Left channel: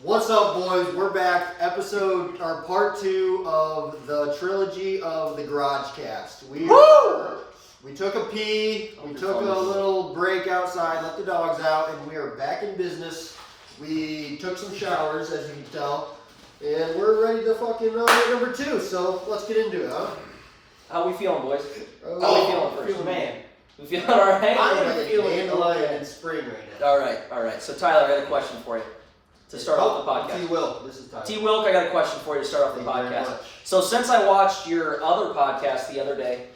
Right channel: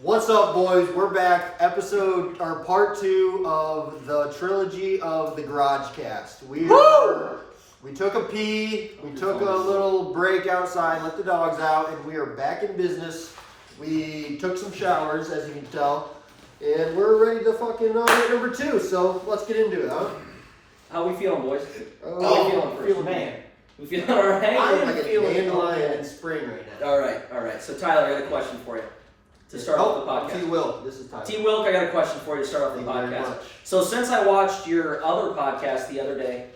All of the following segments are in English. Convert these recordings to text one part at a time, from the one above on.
What's up, boys? We're back. Part 2 of the trilogy of the Garage Cast. We took a pee, we took a little break outside, let the dogs out, and we are back in business. We took some showers, as you can tell, and we're ready to fucking hit number 2. So let's get into it, huh? How we feeling, boys? How we feeling first? Man. We feeling alright? I am feeling dandelion in spring right now. Alright. So Tyler, I got a question for you. To start off the podcast. T. Wilk, this is Tyler. T. Wilk, I got a question for you to start off the podcast. So since I watched your other podcast the other day,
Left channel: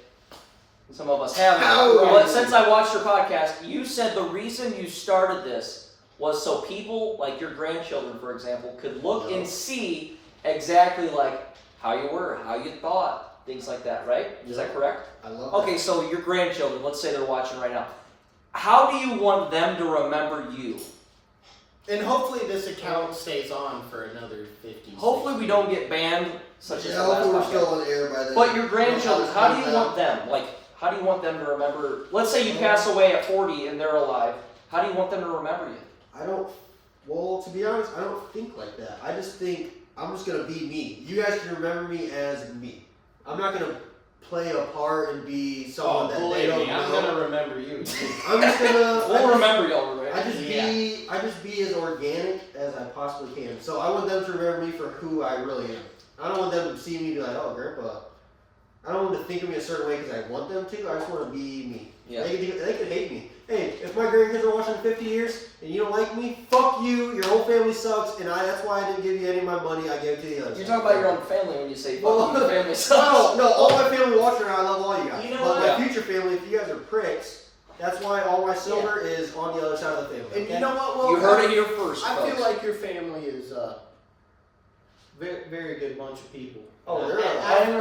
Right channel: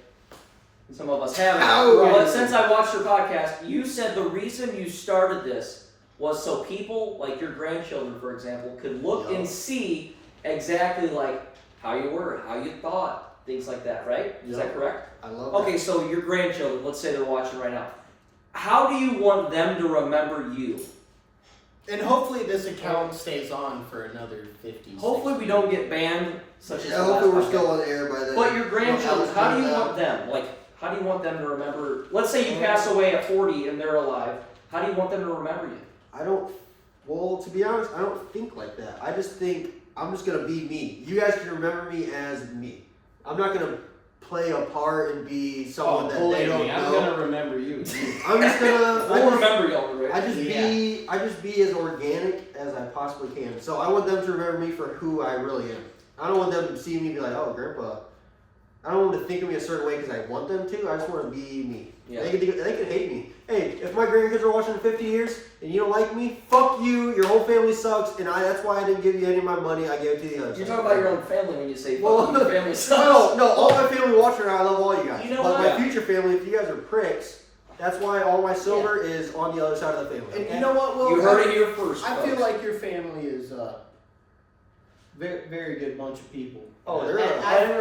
some of us haven't, but since I watched your podcast, you said the reason you started this was so people, like your grandchildren, for example, could look and see exactly like how you were, how you thought, things like that, right? Is that correct? I love Okay, so your grandchildren, let's say they're watching right now. How do you want them to remember you? And hopefully this account stays on for another 50 Hopefully we don't get banned, such as the last hopefully we're podcast. still on the air by then. But your grandchildren, how do you want them? Like, how do you want them to remember? Let's say you pass away at 40 and they're alive. How do you want them to remember you? Well, to be honest, I don't think like that. I just think I'm just going to be me. You guys can remember me as me. I'm not going to play a part and be someone that they don't know. I'm going to remember you. I'm just going to... We'll remember y'all, right? I just be as organic as I possibly can. So I want them to remember me for who I really am. I don't want them to see me and be like, oh, Grandpa. I don't want to think of me a certain way because I want them to. I just want to be me. Yeah. They could hate me. Hey, if my grandkids are watching in 50 years and you don't like me, fuck you. Your whole family sucks, and that's why I didn't give you any of my money. I gave it to the others. You're talking about your own family when you say fuck your family sucks. No, all my family watching, I love all you guys. You know but what? my future family, if you guys are pricks, that's why all my silver is on the other side of the family. And okay? you know what? Well, You heard it here first. I feel folks. like your family is a very, very good bunch of people. Oh, they're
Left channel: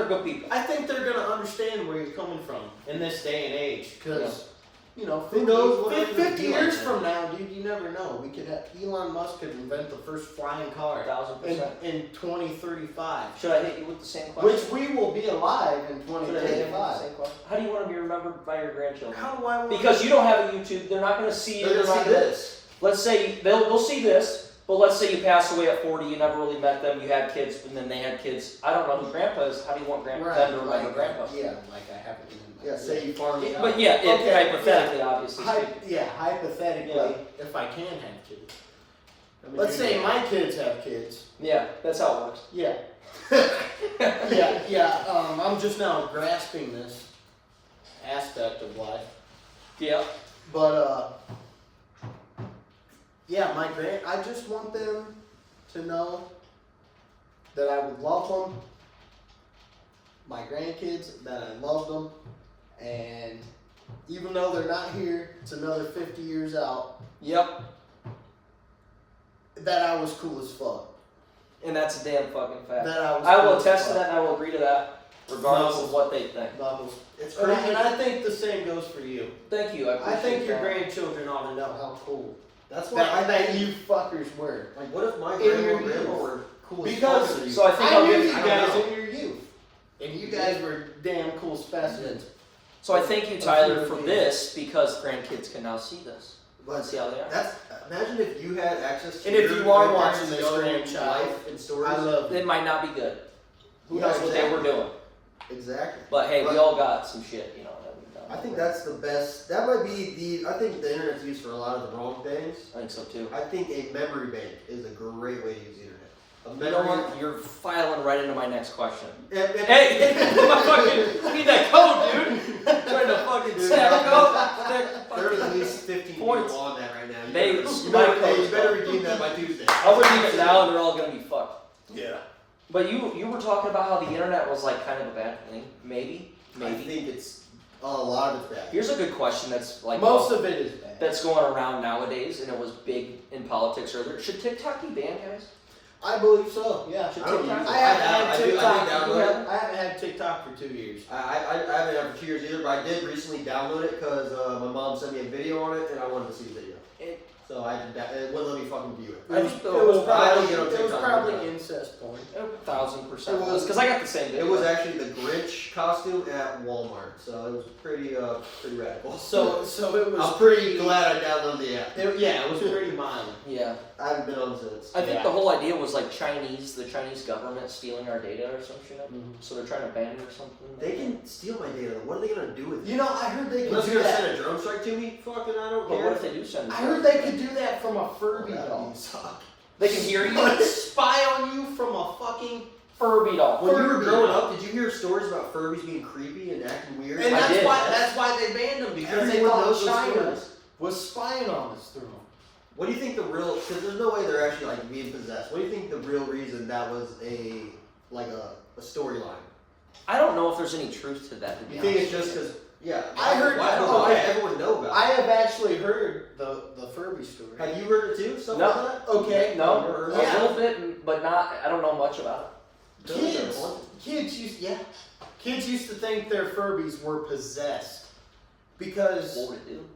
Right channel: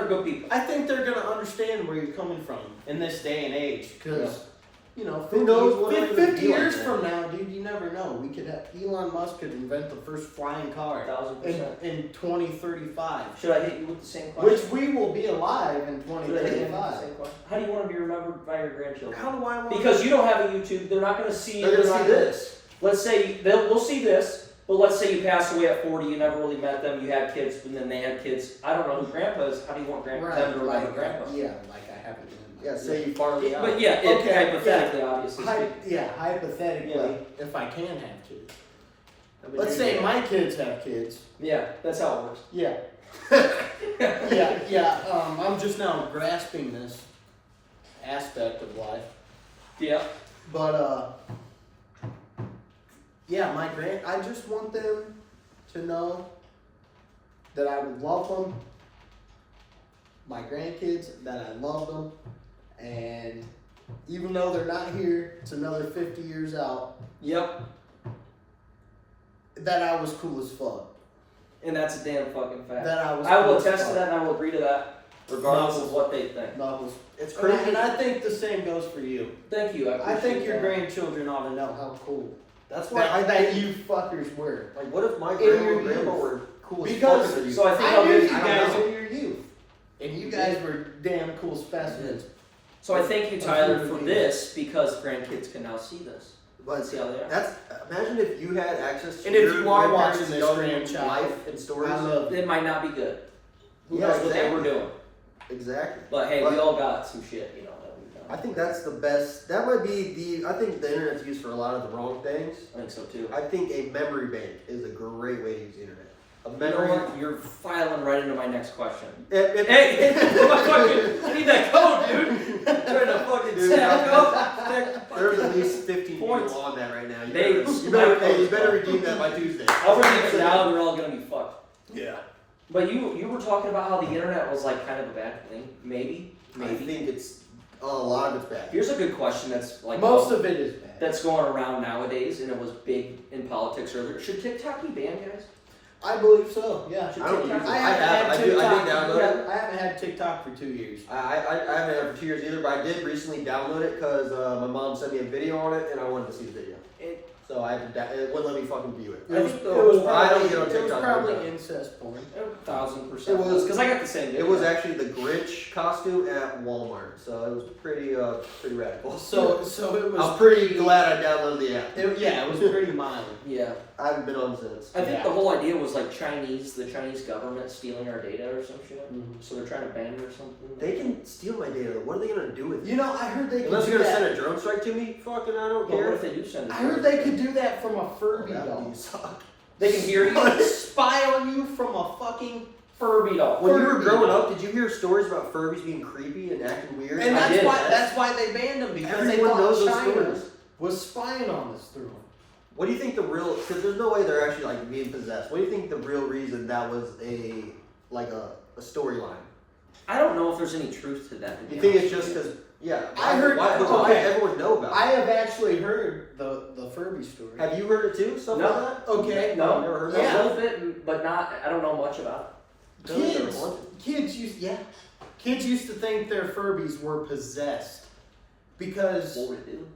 good people. I think they're going to understand where you're coming from in this day and age because... You know, who knows what 50 years from now, dude, you never know. We could have Elon Musk could invent the first flying car 1,000%. in 2035. Should I hit you with the same question? Which we will be alive in Should I hit you with the 2035. same question? How do you want to be remembered by your grandchildren? How do I want Because you don't have a YouTube, they're not going to see. They're going to see this. Let's say they'll see this, but let's say you pass away at 40, you never really met them, you had kids, and then they had kids. I don't know who Grandpa is. How do you want them to remember Grandpa? Yeah, like I haven't been in Yeah, say you farm me out. But yeah, Okay, hypothetically, obviously. hypothetically, if I can have kids. Let's say my kids have kids. Yeah, that's how it works. Yeah. I'm just now grasping this aspect of life. Yeah. But I just want them to know that I would love them. My grandkids, that I love them, and even though they're not here, it's another 50 years out. Yep. That I was cool as fuck. And that's a damn fucking fact. That I was. I will cool as attest to fuck. that, and I will agree to that, regardless of what they think. Knuckles. It's And crazy. I think the same goes for you. Thank you. I think your that. grandchildren ought to know how cool That's why that you fuckers were. Like, what if my In grandma your and grandpa youth. were cool as Because- fuck? So I think I I'll knew give you I don't guys know. in your youth, and you guys were damn cool specimens. So I thank you, Tyler, for this because grandkids can now see this. But See how they are. imagine if you had access to And if your you are grandparents' watching this, young grandchild, life and stories. I love It might not be good. Who Yeah, knows what they exactly. were doing? Exactly. But hey, we all got some shit, you know. That we've done. I think that's the best. That might be I think the internet's used for a lot of the wrong things. I think so too. I think a memory bank is a great way to use the internet. A You memory. know what? You're filing right into my next question. Hey, Hey, I need that code, dude. Trying to fucking there's at least 15 Points. people on that right now. They- You better redeem that by Tuesday. I'll redeem it now, and they're all gonna be fucked. Yeah. But you were talking about how the internet was like kind of a bad thing. Maybe. I think it's a lot of it's bad. Here's a good question that's like Most of it is bad. that's going around nowadays, and it was big in politics earlier. Should TikTok be banned, guys? I believe so. Yeah. I don't use it. I haven't had I do TikTok. download it. I haven't had TikTok for 2 years. I haven't had it for 2 years either, but I did recently download it because my mom sent me a video on it and I wanted to see the video. So it wouldn't let me fucking view it. It was probably incest porn. 1,000%. It was- because I got the same video. It was actually the Grinch costume at Walmart, so it was pretty radical. So it was. I'm pretty glad I downloaded the app. It was pretty mild. Yeah. I haven't been on since. I think Yeah. the whole idea was like the Chinese government stealing our data or some shit. Mhm. So they're trying to ban it or something. They can steal my data. What are they gonna do with it? You know, I heard they could Unless do you're gonna that. send a drone strike to me, fucking I don't But care. what if they do send it? I heard they could do that from a Furby That doll. would suck. They can hear you. Spy on you from a fucking. Furby doll. When you were Furby growing doll. up, did you hear stories about Furbies being creepy and acting weird? And I did. that's why they banned them, because they Everyone knows thought those China stories. was spying on us through them. What do you think the real? Because there's no way they're actually like being possessed. What do you think the real reason that was a storyline? I don't know if there's any truth to that. To be You think honest it's just with you. because? Yeah. I heard- Why okay. does everyone know about it? I have actually heard the Furby story. Have you heard it too? Stuff No. like that? Okay. No, I've never heard Yeah. a little bit, but not. I don't know much about Kids used to think their Furbies were possessed it. because What would it do?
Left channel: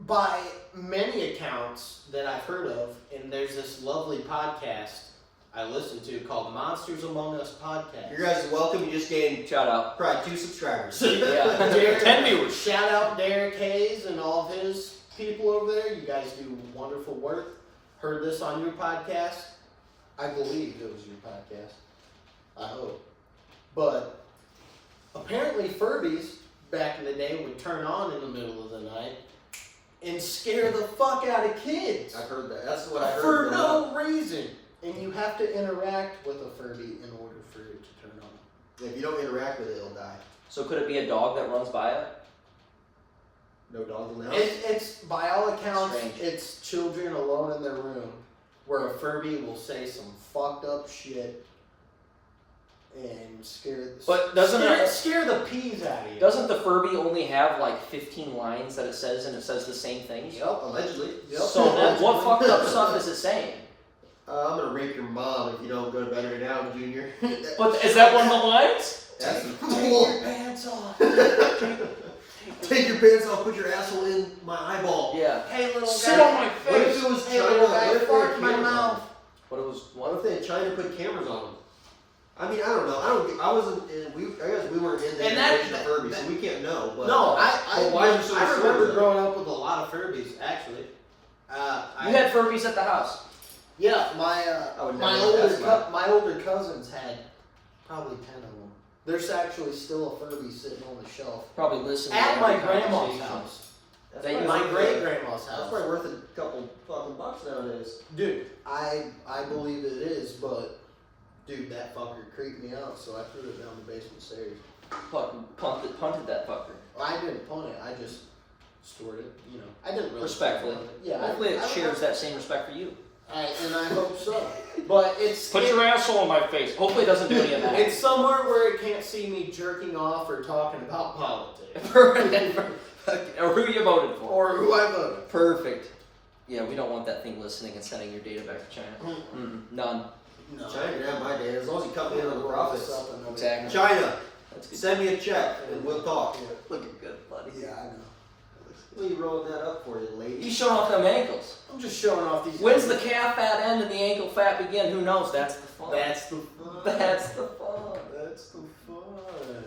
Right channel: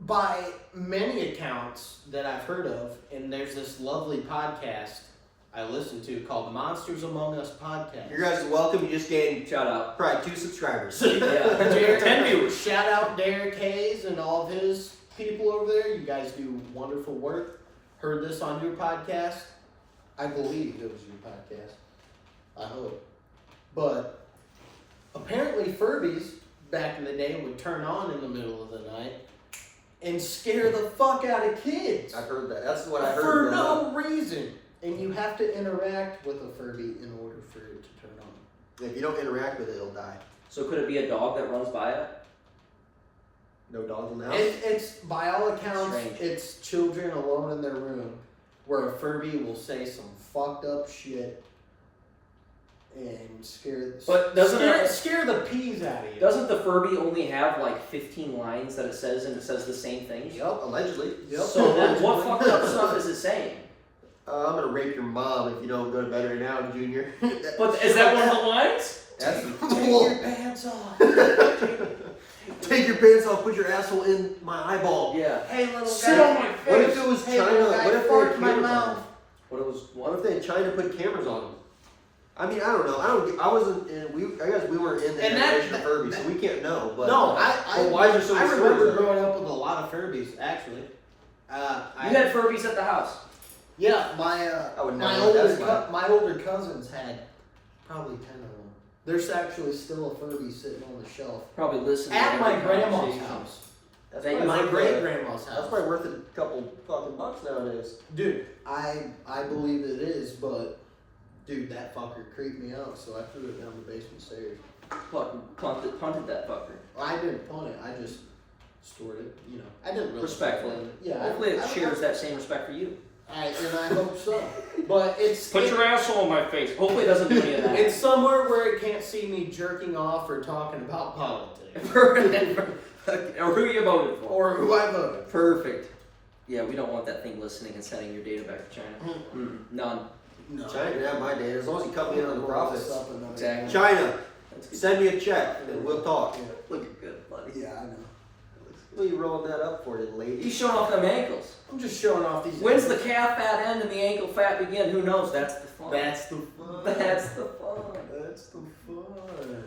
by many accounts that I've heard of, and there's this lovely podcast I listen to called Monsters Among Us podcast. You guys are welcome. You just gained Shout out. probably 2 subscribers. Yeah. Derek, 10 viewers. Shout out Derek Hayes and all of his people over there. You guys do wonderful work. Heard this on your podcast. I believe it was your podcast. I hope. But apparently Furbies back in the day would turn on in the middle of the night and scare the fuck out of kids. I've heard that. That's what I heard. For growing up. no reason. And you have to interact with a Furby in order for it to turn on. If you don't interact with it, it'll die. So could it be a dog that runs by it? No dogs in the house. It's by all accounts, Strange. it's children alone in their room where a Furby will say some fucked up shit and But doesn't scare the peas out of you. Doesn't the Furby only have like 15 lines that it says, and it says the same things? Yep, allegedly. Yep. So then what Allegedly. fucked up stuff is it saying? I'm gonna rape your mom if you don't go to bed right now, Junior. But is that one of the lines? That's Take your pants off. Take your pants off, put your asshole in my eyeball. Yeah. Hey little guy. Sit on my What if it was Hey China? little guy, What if they fart had in my cameras on mouth. them? What it was What what? if they had China put cameras on them? I mean, I don't know. I wasn't in. I guess we weren't in the And that- generation of Furby, so we can't know. But No, but why are there so I many stories remember of it? growing up with a lot of Furbies, actually. You had Furbies at the house. Yeah, I would my never older guess that. my older cousins had probably 10 of them. There's actually still a Furby sitting on the shelf Probably listening to at my every grandma's conversation. house. That's They- probably My worth great a- grandma's That's house. probably worth a couple fucking bucks nowadays. Dude, I believe it is, but dude, that fucker creeped me out, so I threw it down the basement stairs. Punted that fucker. I didn't punt it. I just stored it. You know, I didn't really Respectfully. punt it. Yeah, Hopefully it shares that same respect for you. and I hope so. But Put your asshole in my face. Hopefully it doesn't do any of that. it's somewhere where it can't see me jerking off or talking about politics Or who you voted for. or who I voted. Perfect. Yeah, we don't want that thing listening and sending your data back to China. None. No, China can have my data as long as you cut me in on the profits. Exactly. China, That's good. send me a check and we'll talk. Yeah. Looking good, buddy. Yeah, I know. What are you rolling that up for, you lady? He's showing off them ankles. I'm just showing off these. When's the calf fat end and the ankle fat begin? Who knows? That's the fun. That's the fun. That's the fun. That's the fun.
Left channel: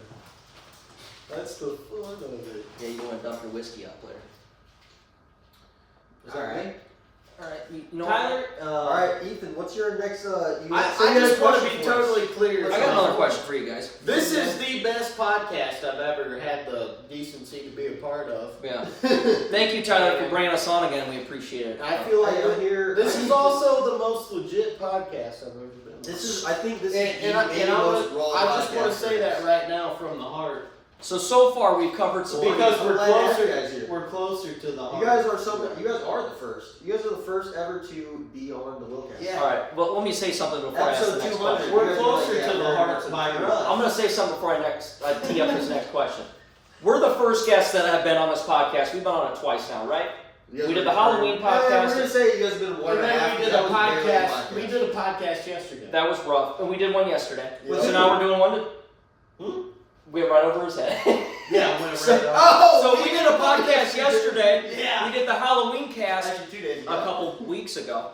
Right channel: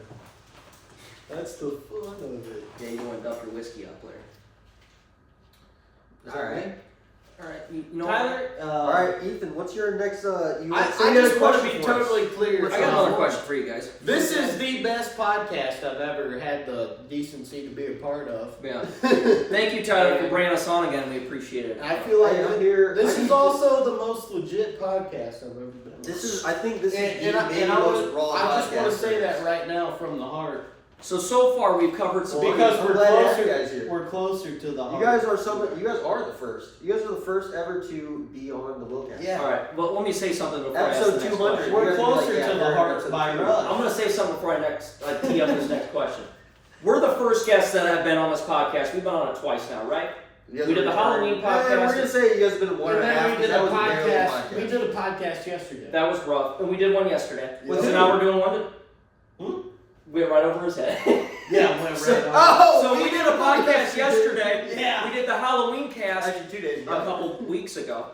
That's the fun of it. Yeah, you want to dump your whiskey out there. Is that All right. right? All right. You know Tyler, All right, Ethan, what's your next? You I so you had a just want to question be for us. totally clear. I got another question for you guys. This is the best podcast I've ever had the decency to be a part of. Yeah. Thank you, Tyler, for bringing us on again. We appreciate it. I feel like I hear- this I is need also the most legit podcast I've ever been on. This is, I think this And, is and, the I most raw. just want to podcast say there that is. right now from the heart. So far we've covered some. Because I'm we're glad to have you closer. guys here. We're closer to the heart. You guys are some. You guys are the first. You guys are the first ever to be on the Wilcast. Yeah. All right. Well, let me say something before I ask the Episode next 200. question. We're You guys are closer like, to the we're heart episode by 200. Russ. I'm going to say something before I tee up this next question. We're the first guests that have been on this podcast. We've been on it twice now, right? You guys We did are the Halloween Yeah, podcast. we're gonna say you guys have been one And and a half. then we did That a was barely podcast. We did a podcast yesterday. That was rough. And we did one yesterday. Yeah. So now we're doing one. Hmm? We went right over his head. Yeah, went right on. Oh, So we did a podcast yesterday. Yeah. We did the Halloween cast Actually, 2 days a ago. couple weeks ago.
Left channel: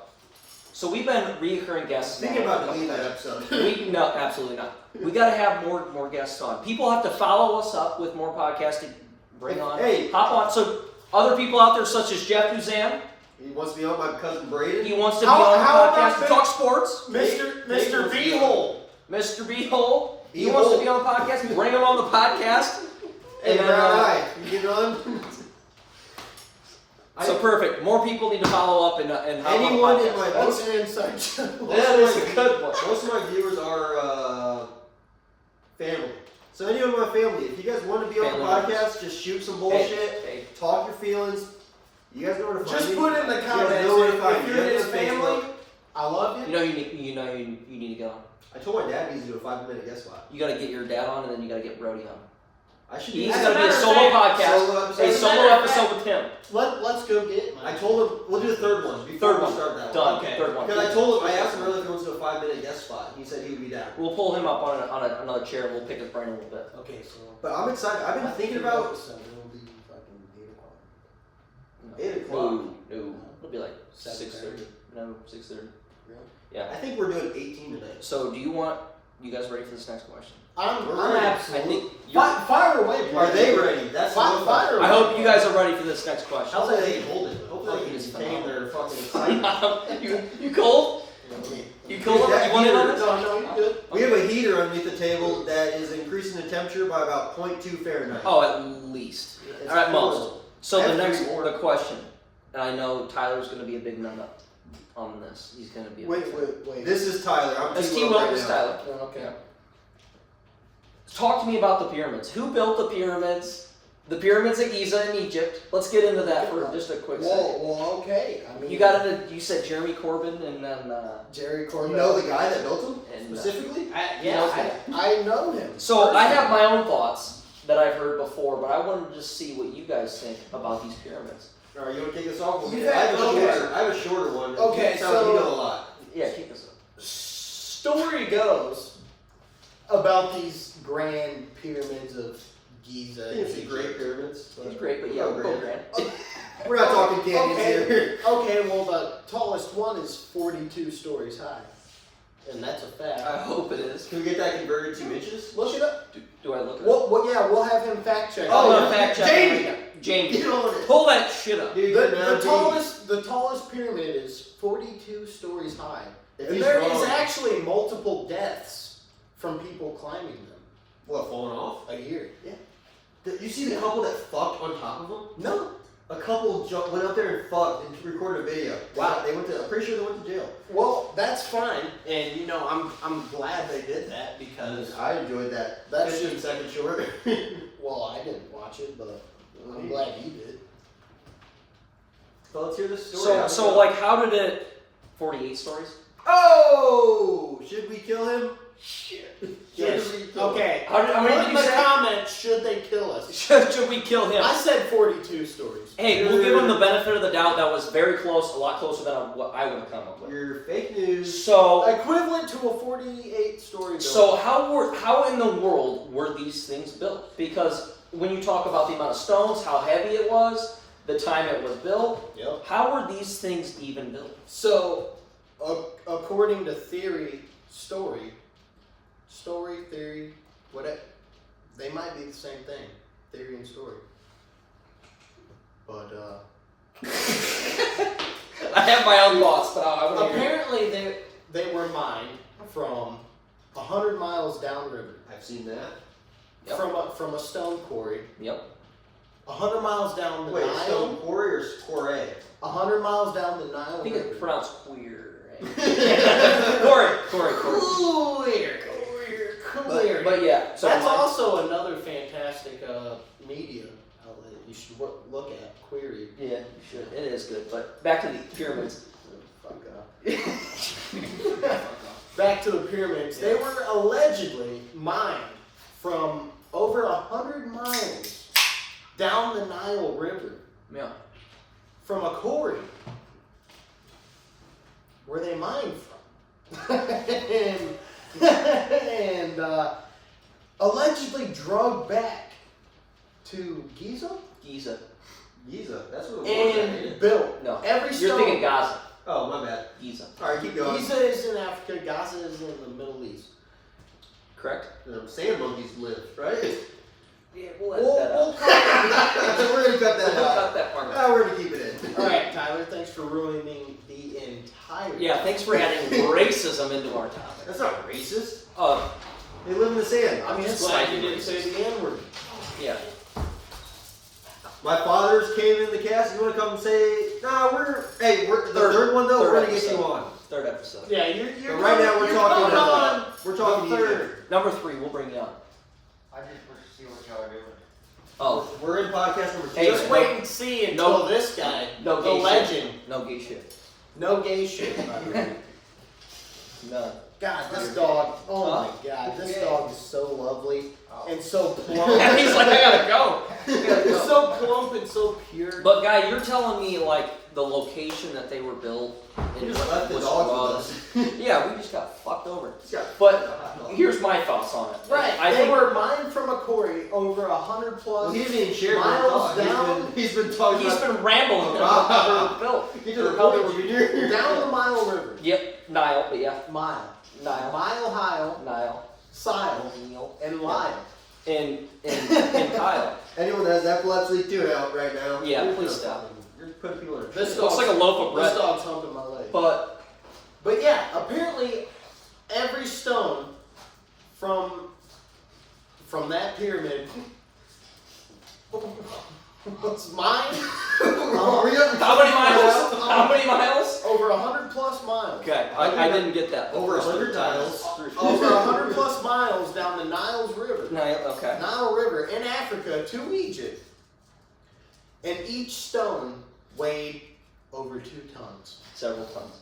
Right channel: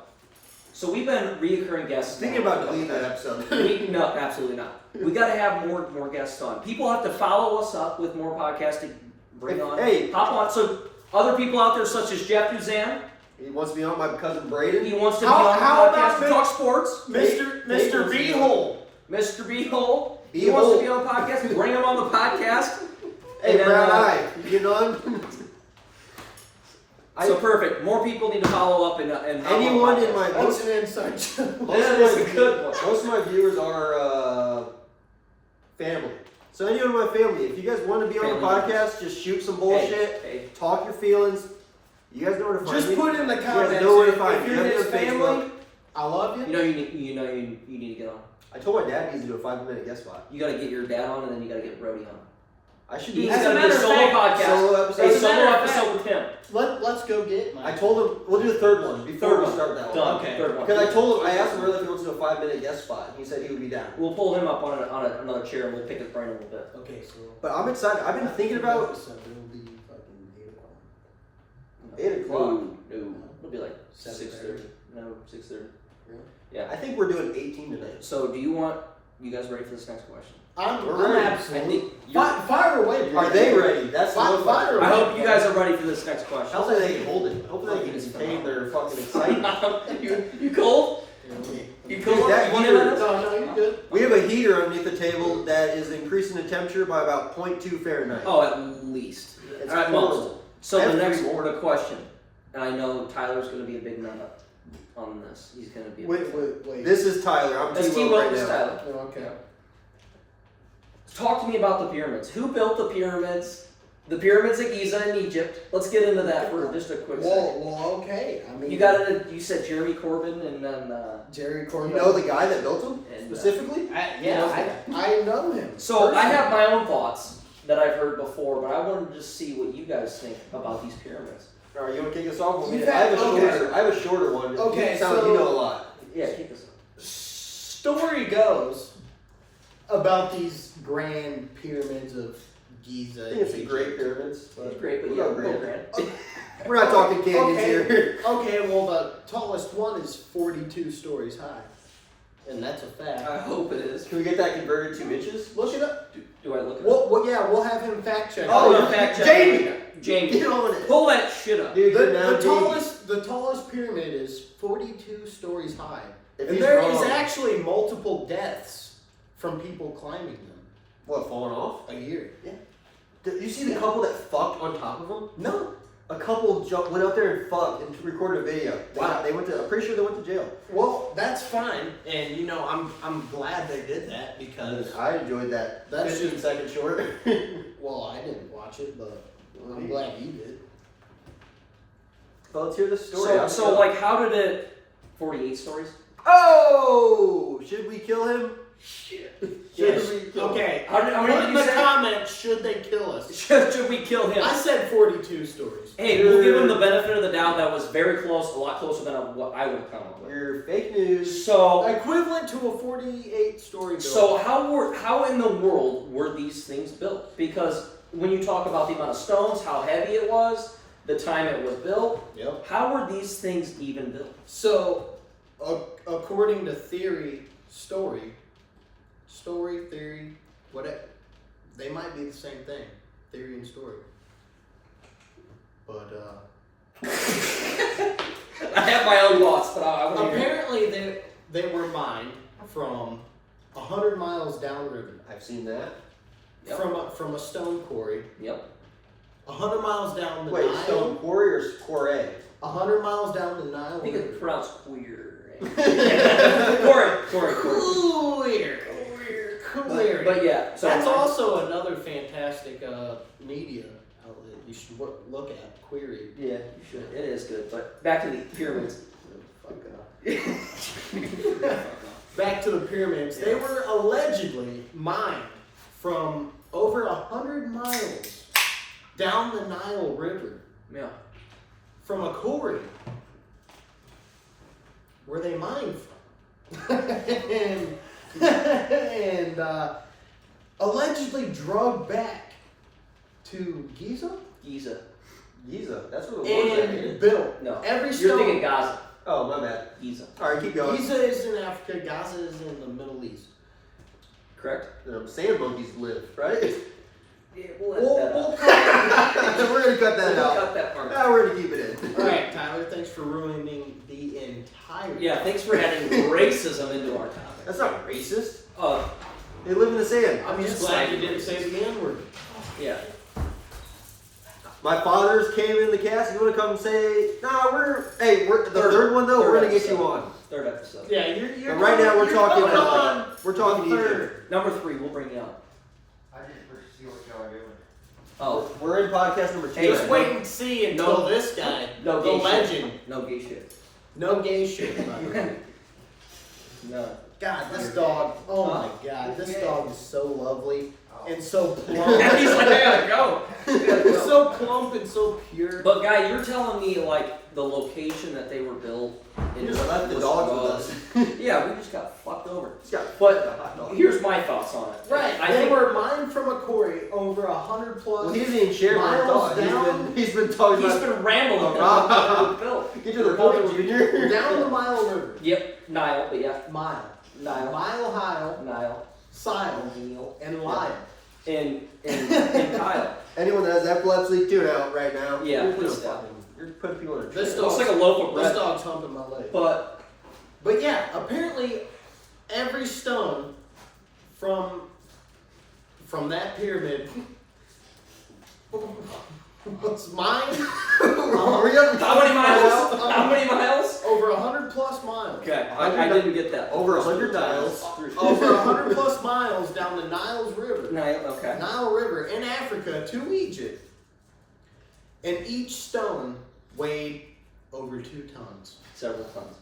So we've been reoccurring guests. Thinking now. about deleting that episode. No, absolutely not. We got to have more guests on. People have to follow us up with more podcasts to bring on. Hey. Hop on. So other people out there, such as Jeff Duzan, He wants to be on my cousin Braden. he wants to How- be on the how podcast about to talk sports. Mr. Beehole. Mr. Beehole, he Beehole. wants to be on the podcast. Bring him on the podcast. Hey, And then, Brown Eye, you getting on? So perfect. More people need to follow up and hop on the Anyone in podcast. my That's an inside joke. That is a good one. Most of my viewers are family. So anyone in my family, if you guys want to be on the Family podcast, just shoot some bullshit, Hey. talk your feelings. You guys know where to find Just me. put in the You guys comments know where to if find me. you're You guys his know Facebook. family. I love you. You know you need to get on. I told my dad he needs to do a 5-minute guest spot. You got to get your dad on, and then you got to get Brody on. I should He's do As a got to be a matter of solo fact, podcast. solo episode. A As a solo matter of episode with him. Let's go get mine. I told him we'll do the third one before Third we one. start that one. Done. Okay. Third one. Because I told him, I asked him earlier if he wants to do a 5-minute guest spot, and he said he would be down. We'll pull him up on another chair, and we'll pick his brain a little bit. Okay, so. But I'm excited. I've been thinking about Episode, it'll be fucking 8 o'clock. 8 o'clock. No. It'll be like 7:30. 6:30. No, 6:30. Really? Yeah. I think we're doing 18 tonight. So, do you guys ready for this next question? I'm ready. I absolutely. think you're- Fire away, bro. Are they ready? That's Fire, the fire I away. hope you guys are ready for this next question. Hopefully they can hold it. Hopefully they can contain their fucking excitement. you cold? You cold? Dude, that You want in on heater- this? No, you're good. We have a heater underneath the table that is increasing the temperature by about 0.2 Fahrenheit. Oh, at least. It's At most. horrible. So I the have next three more. the question, and I know Tyler's going to be a big nut up on this. He's going to be. Wait. This is Tyler. I'm That's T-Will T-Will, right this now. Tyler. Oh, okay. Talk to me about the pyramids. Who built the pyramids? The pyramids of Giza in Egypt. Let's get into that for just a quick second. Well, okay. I mean, You got it. You said Jeremy Corbyn, and then Jerry You Corbyn. know the guy that built them And, specifically? I know him. so I have my own thoughts that I've heard before, but I wanted to just see what you guys think about these pyramids. All right, you want to kick us off? You I have a okay. shorter. I have a shorter one. Okay, You sound like so- you know a lot. Yeah, kick us up. Story goes about these grand pyramids of Giza. I think it's the Egypt. Great Pyramids. It's great, but We'll yeah, go go Grand. Grant. We're not talking canyons Okay. here. Okay, well, the tallest one is 42 stories high. And that's a fact. I hope it is. Can we get that converted to inches? Look it up. Do I look at Yeah, we'll have him fact check. Oh, yeah. fact check. Jamie! Jamie, Get on it. pull that shit up. Dude, The tallest pyramid is 42 stories high. If And he's there wrong- is actually multiple deaths from people climbing them What, falling off? a year. Did you see the couple that fucked on top of them? No. A couple went out there and fucked and recorded a video. Wow. They went to. I'm pretty sure they went to jail. Well, that's fine, and I'm glad they did that because I enjoyed that. That's 15-second short. well, I didn't watch it, but I'm glad you did. Well, let's hear the story. So like, how did it? 48 stories. Oh! Should we kill him? Shit. Should we kill him? Okay. How many Put did in you the say? comments, should they kill us? Should we kill him? I said 42 stories. Hey, we'll give him the benefit of the doubt. That was very close, a lot closer than what I would have come up with. You're fake news. So, Equivalent to a 48-story building. so how in the world were these things built? Because when you talk about the amount of stones, how heavy it was, the time it was built, Yep. how were these things even built? So, according to theory, whatever, they might be the same thing, theory and story. But I have my own thoughts, but I want to hear. apparently they were mined from 100 miles downriver, I've seen that. Yep. from a stone quarry, Yep. 100 miles down the Wait, Nile. Stone Quarry or Quarry? 100 miles down the Nile I think River. it's pronounced queer. Corey. Clear. But yeah, so That's also another fantastic media outlet you should look at. Query. yeah, you should. It is good. But back to the pyramids. Fuck off. Back to the pyramids. They were allegedly mined from over 100 miles down the Nile River Yeah. from a quarry where they mined from. and allegedly drug back to Giza Giza. Giza. That's what it was. and built. No. Every You're stone. thinking Gaza. Oh, my bad. Giza. All right, keep going. Giza is in Africa. Gaza is in the Middle East. Correct? Sand monkeys live, right? Yeah, we'll edit that out. We'll cut We're gonna cut that We'll out. cut that part out. Now we're gonna keep it in. All right, Tyler. Thanks for ruining the entire. Yeah, thanks for adding racism into our topic. That's not racist. Uh, They live in the sand. I'm just glad you didn't say the N-word. yeah. My fathers came in the cast. You want to come say, nah, we're the third one though. We're gonna get episode. you on. Third episode. Yeah, you're. But right now we're you're talking coming about on. we're talking the Egypt. third. Number 3, we'll bring you on. I just want to see what y'all are doing. Oh, We're in podcast number 2. Hey, Just no- wait and see until no- this guy, no the gay shit. legend, No gay shit. no gay shit. By the way. No. God, this dog. Oh Huh? my God, this dog is so lovely and so plump. He's like, I gotta go. It's so plump and so pure. But guy, you're telling me like the location that they were built You in just left the was dogs drugs. with us. Yeah, we just got fucked over. He's got But a hot dog. here's my thoughts on it. Right, I they think were mined from a quarry over 100 plus. Well, he doesn't even share my miles thought. down. He's been talking he's about. been rambling about how they were built. Get to the point, Junior. Down the Mile River. Yep, Nile, but yeah, Mile. Nile, Mile, Sile, Nile, and Lyle. and Kyle. Anyone that has epilepsy too out right now. Yeah, You're please doing stop. fucking- You're putting people in a This It looks like a loaf of This bread. dog's humping my leg. But But yeah, apparently every stone from that pyramid was mined. Are we up? how many miles? How many miles? Over 100 plus miles. Okay, I didn't get that. Over 100 miles. Over 100 plus miles down the Niles River. Nile, okay. Nile River in Africa to Egypt. And each stone weighed over 2 tons. Several tons.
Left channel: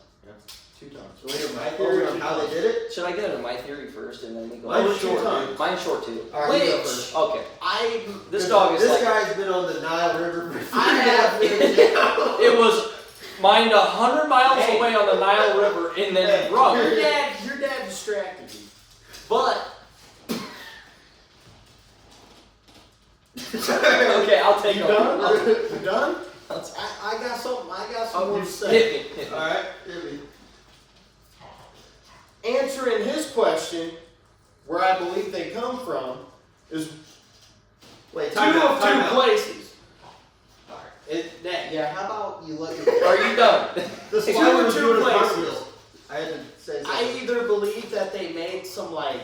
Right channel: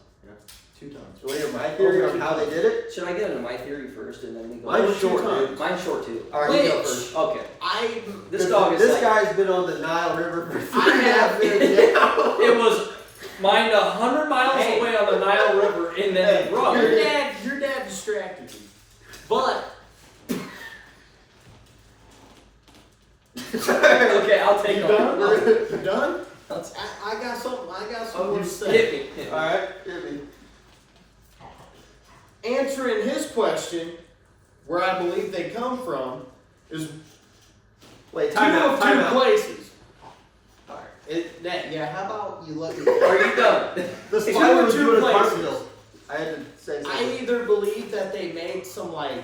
2 tons. So we hear my theory on how they did it. Should I get into my theory first and then we go? Mine's Mine's short, short, dude. Mine's short too. All right, you go Which- first. Okay. This This dog is This like, guy's been on the Nile River for I have 3.5 years now. it was mined 100 miles Hey. away on the Nile River and then Hey, drug. your dad distracted me. But Okay, I'll take you it. done? I'll take it. You done? I'll take it. I got something. I got Oh, some more you to say. Hit me. All right, hit me. Answering his question, where I believe they come from, is Wait, two time out. of Time two out. places. All right. Yeah, how about you let me? Are you done? The Two spider of was two doing a places. cartwheel. I had to say something. I either believe that they made some like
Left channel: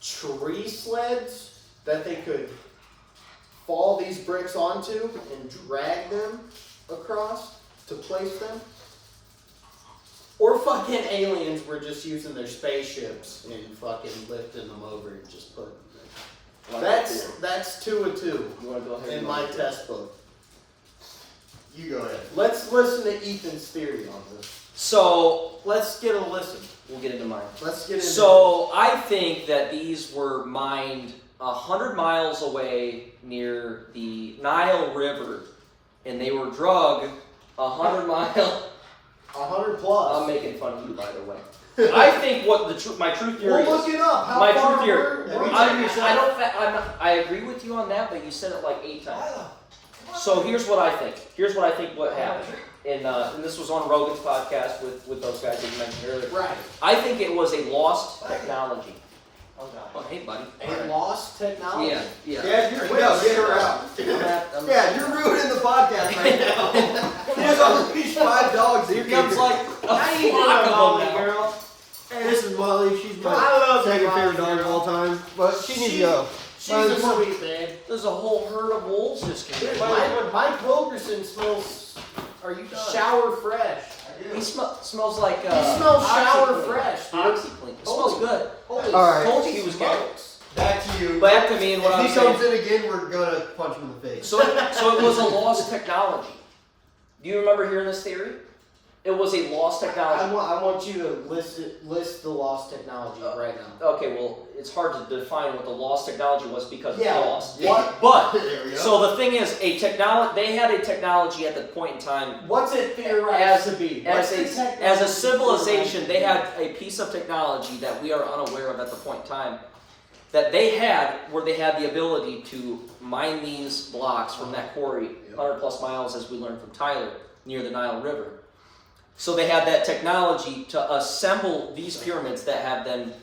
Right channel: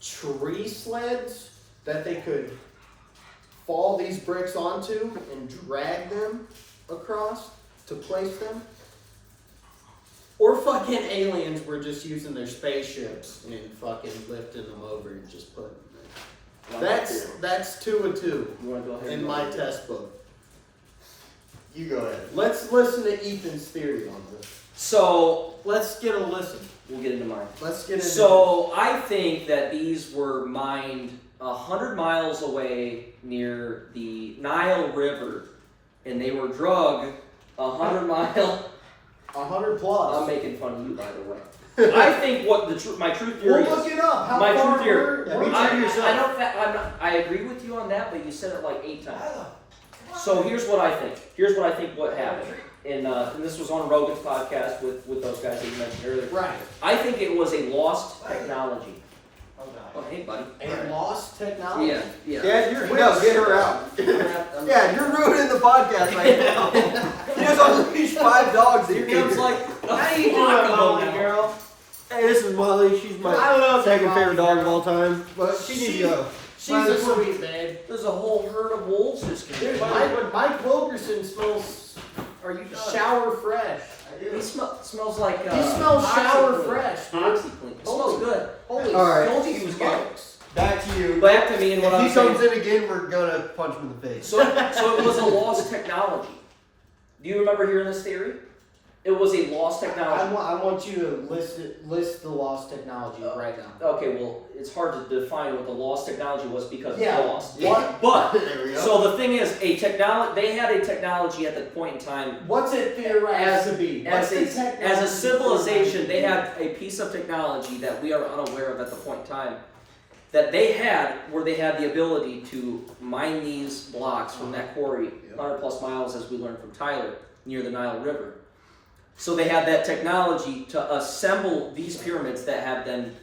tree sleds that they could fall these bricks onto and drag them across to place them. Or fucking aliens were just using their spaceships and fucking lifting them over and just putting them there. That's 2 of 2 You want to go ahead? in and my go? test book. You go ahead. Let's listen to Ethan's theory on this. So Let's get a listen. we'll get into mine. Let's get into So I think that these were mined 100 miles away near the Nile River, and they were drug 100 mile. 100 plus. I'm making fun of you, by the way. I think what my true theory We'll is. look it up. How My far true theory. we're I agree with you on that, but you said it like 8 times. So here's what I think. What happened. And this was on Rogan's podcast with those guys that you mentioned earlier. Right. I think it was a lost technology. Oh, hey, buddy. A lost technology. Yeah. Yeah, get her out. Yeah, you're ruining the podcast right now. You just unleashed 5 dogs. Here comes like How you doing, flock of them Molly now. girl? Hey, this is Molly. She's my I love second Molly, favorite dog of girl. all time. But she needs to go. She's a sweet babe. There's a whole herd of wolves just came. Dude, Mike Wilkerson smells shower fresh. He smells like He smells shower OxyClean. fresh, dude. OxyClean. He smells good. Holy All right. Told you he was good. smokes. Back to you. Back to me and what If I'm he saying. comes in again, we're gonna punch him in the face. So it was a lost technology. Do you remember hearing this theory? It was a lost technology. I want you to list the lost technology right now. Okay, well, it's hard to define what the lost technology was because Yeah, it's lost. what? But There we go. so the thing is, they had a technology at the point in time. What's it theorized to be? As What's the a technology civilization, theorized they to had a piece of technology that we are unaware of at the point in time, that they had, where they had the ability to mine these blocks from that quarry, 100 plus miles, as we learned from Tyler, near the Nile River. So they had that technology to assemble these pyramids that have then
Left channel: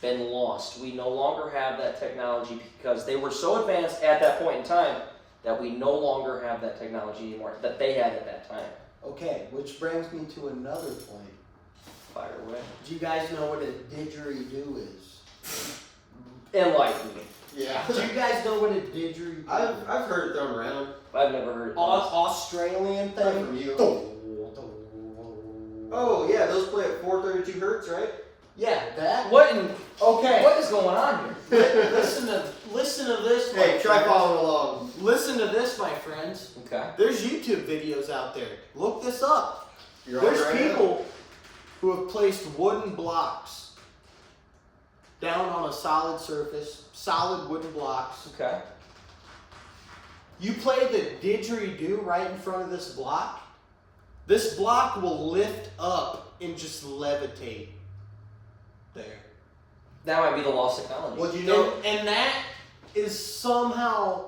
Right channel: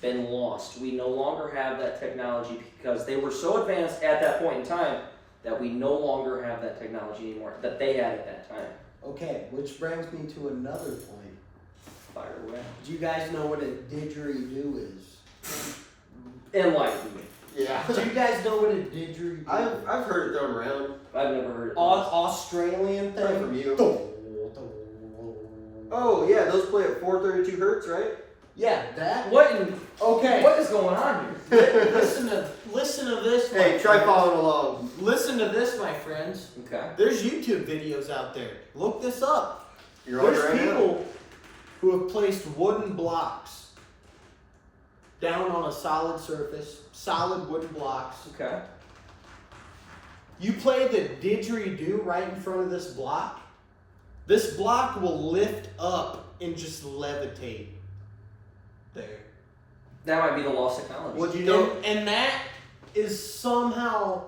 been lost. We no longer have that technology because they were so advanced at that point in time that we no longer have that technology anymore that they had at that time. Okay, which brings me to another point. Fire away. Do you guys know what a didgeridoo is? Enlighten me. Yeah. Do you guys know what a didgeridoo is? I've heard it thrown around. I've never heard of Australian Not thing? from you. Oh yeah, those play at 432 hertz, right? Yeah, that. this. What in, Okay. what is going on here? Listen to this, my Hey, try friends. following along. Listen to this, my friends. Okay. There's YouTube videos out there. Look this up. You're on There's it right people who have placed wooden blocks down on a solid surface, solid wooden blocks. Okay. You play the didgeridoo right in front of this block. This block will lift up and just levitate there. That might be the lost technology. Well, do you know? And that is somehow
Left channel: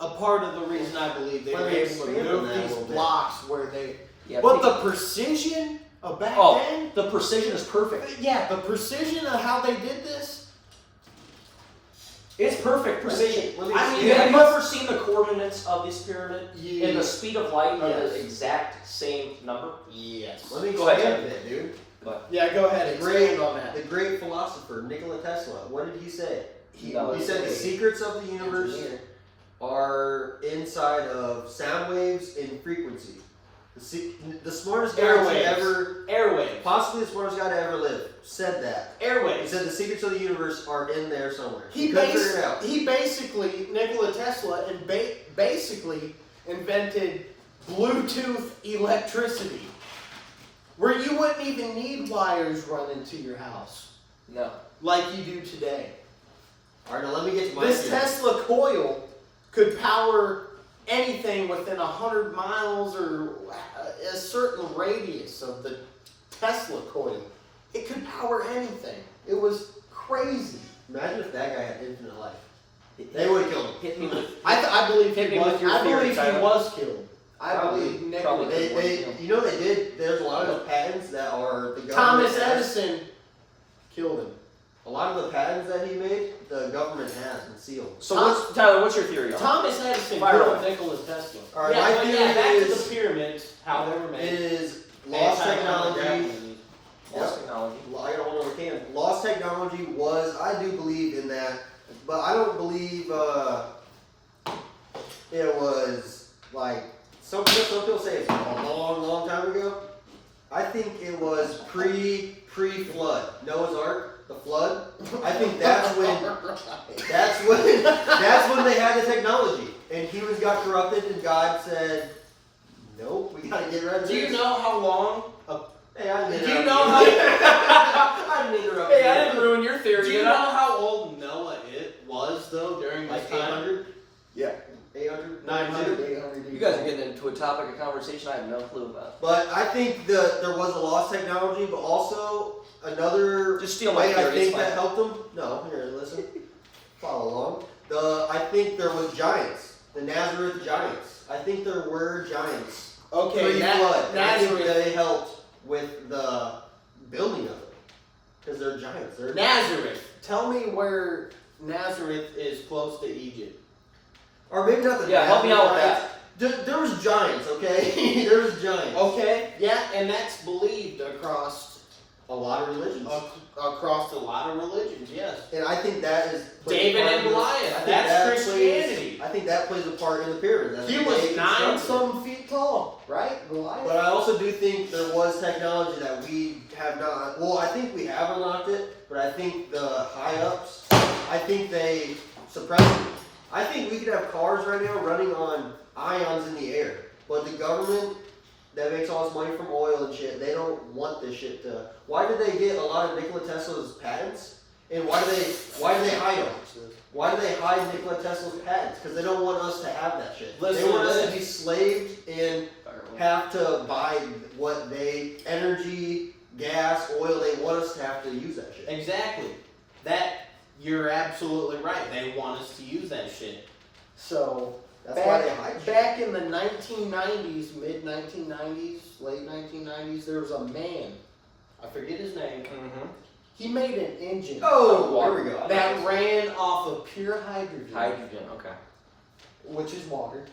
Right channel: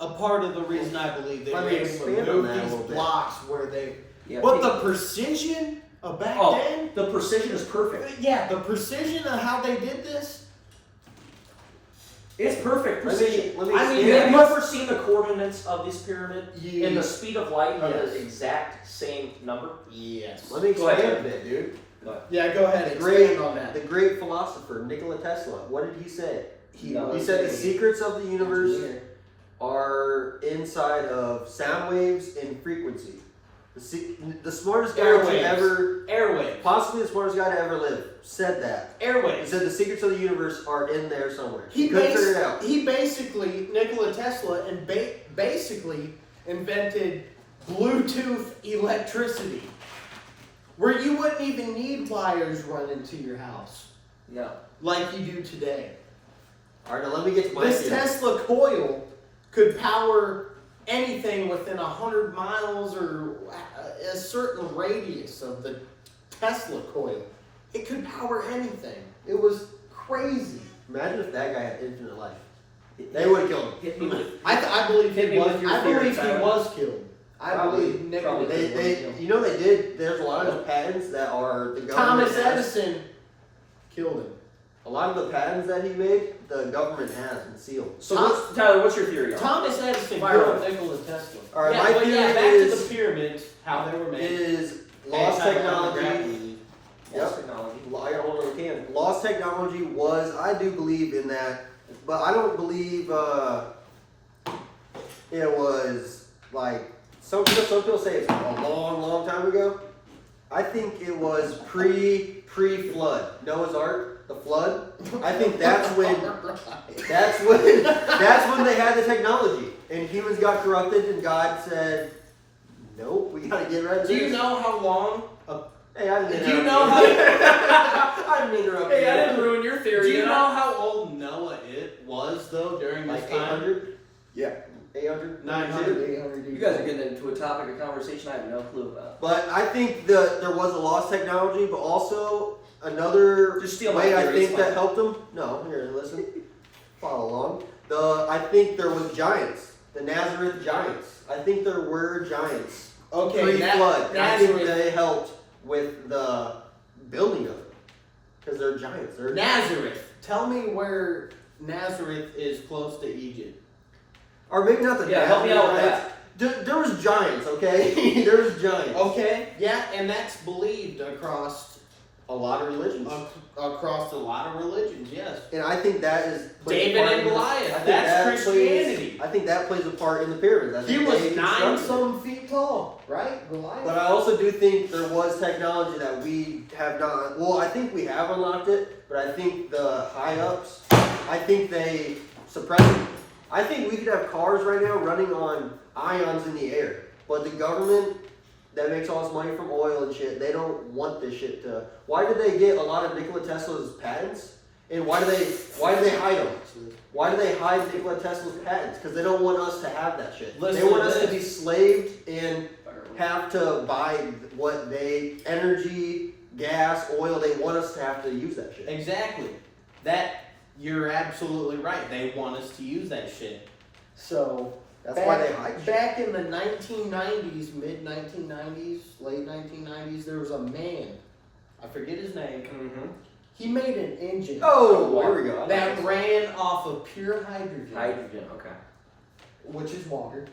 a part of the reason I believe they Let were me able to expand on move that a these little bit. blocks where they. Yeah, But people- the precision of back Oh, then. the precision is perfect. Yeah, the precision of how they did this. It's perfect Let precision. me I mean, expand. have you ever seen the coordinates of this pyramid? Yeah. And the speed of light are Yes. the exact same number? Yes. Let me Go ahead, expand a bit, dude. Yeah, go ahead. Great. Expand on that. The great philosopher Nikola Tesla. What did he say? He No, was He said a the secrets of the universe engineer. are inside of sound waves and frequency. The smartest guy to Airwaves. ever, Airwaves. possibly the smartest guy to ever live, said that. He Airwaves. said the secrets of the universe are in there somewhere. He couldn't figure it out. He basically, Nikola Tesla, and basically invented Bluetooth electricity, where you wouldn't even need wires running to your house No. like you do today. All right, now let me get to my This theory. Tesla coil could power anything within 100 miles or a certain radius of the Tesla coil. It could power anything. It was crazy. Imagine if that guy had infinite life. They would have killed him. Hit me with. I believe Hit he me was. with your I theory, believe he Tyler. was killed. I Probably- believe Nikola. probably. You know they did. There's a lot of patents that are the government Thomas has. Edison killed him. A lot of the patents that he made, the government has and sealed. So, Tyler, what's your theory on it? Thomas Edison Fire killed away. Nikola Tesla. All right, yeah, my but theory yeah, back is- to the pyramids, how they were made. Is lost technology. Lost technology. I got one on the can. Lost technology was, I do believe in that, but I don't believe it was like some people say it's a long time ago. I think it was pre-flood. Noah's Ark, the flood. I think that's when that's when they had the technology, and humans got corrupted, and God said, "Nope, we gotta get rid of Do you this." know how long? Hey, I didn't Do you interrupt know you. how? I didn't interrupt Hey, you. I didn't ruin your theory. Do you did know I? how old Noah was though during Like this time? 800? Yeah. 800? 900, 800 You guys are getting into a topic of conversation I have no clue about. But I think there was a lost technology, but also another Just steal my way I theory, it's think that fine. helped them. No, here, listen. Follow along. I think there was giants. The Nazareth giants. I think there were giants. Okay, Pre-flood. I think Nazareth. they helped with the building of it. Because they're giants. They're Nazareth. Tell me where Nazareth is close to Egypt. Or maybe not the Yeah, help me out with giants. There was giants, okay? there was giants. Okay, yeah, and that's believed across A lot of religions. across a lot of religions. Yes. And I think that is David part and in the- Goliath, I think that's that Christianity. I think that plays a part in the pyramids. I He think was they 9 constructed it. some feet tall, right? Goliath. But I also do think there was technology that we have not. Well, I think we have unlocked it, but I think the high ups, I think they suppressed it. I think we could have cars right now running on ions in the air, but the government that makes all this money from oil and shit, they don't want this shit to. Why did they get a lot of Nikola Tesla's patents? And why do they hide them? Why do they hide Nikola Tesla's patents? Because they don't want us to have that shit. Listen they want to us to this. be slaved and have to buy what energy, gas, oil. They want us to have to use that shit. Exactly. That you're absolutely right. They want us to use that shit. So That's back, why they hide shit. back in the 1990s, mid 1990s, late 1990s, there was a man. I forget his name. Mm-hmm. He made an engine Oh, there we go. that ran off of pure hydrogen, Hydrogen, okay. which is water,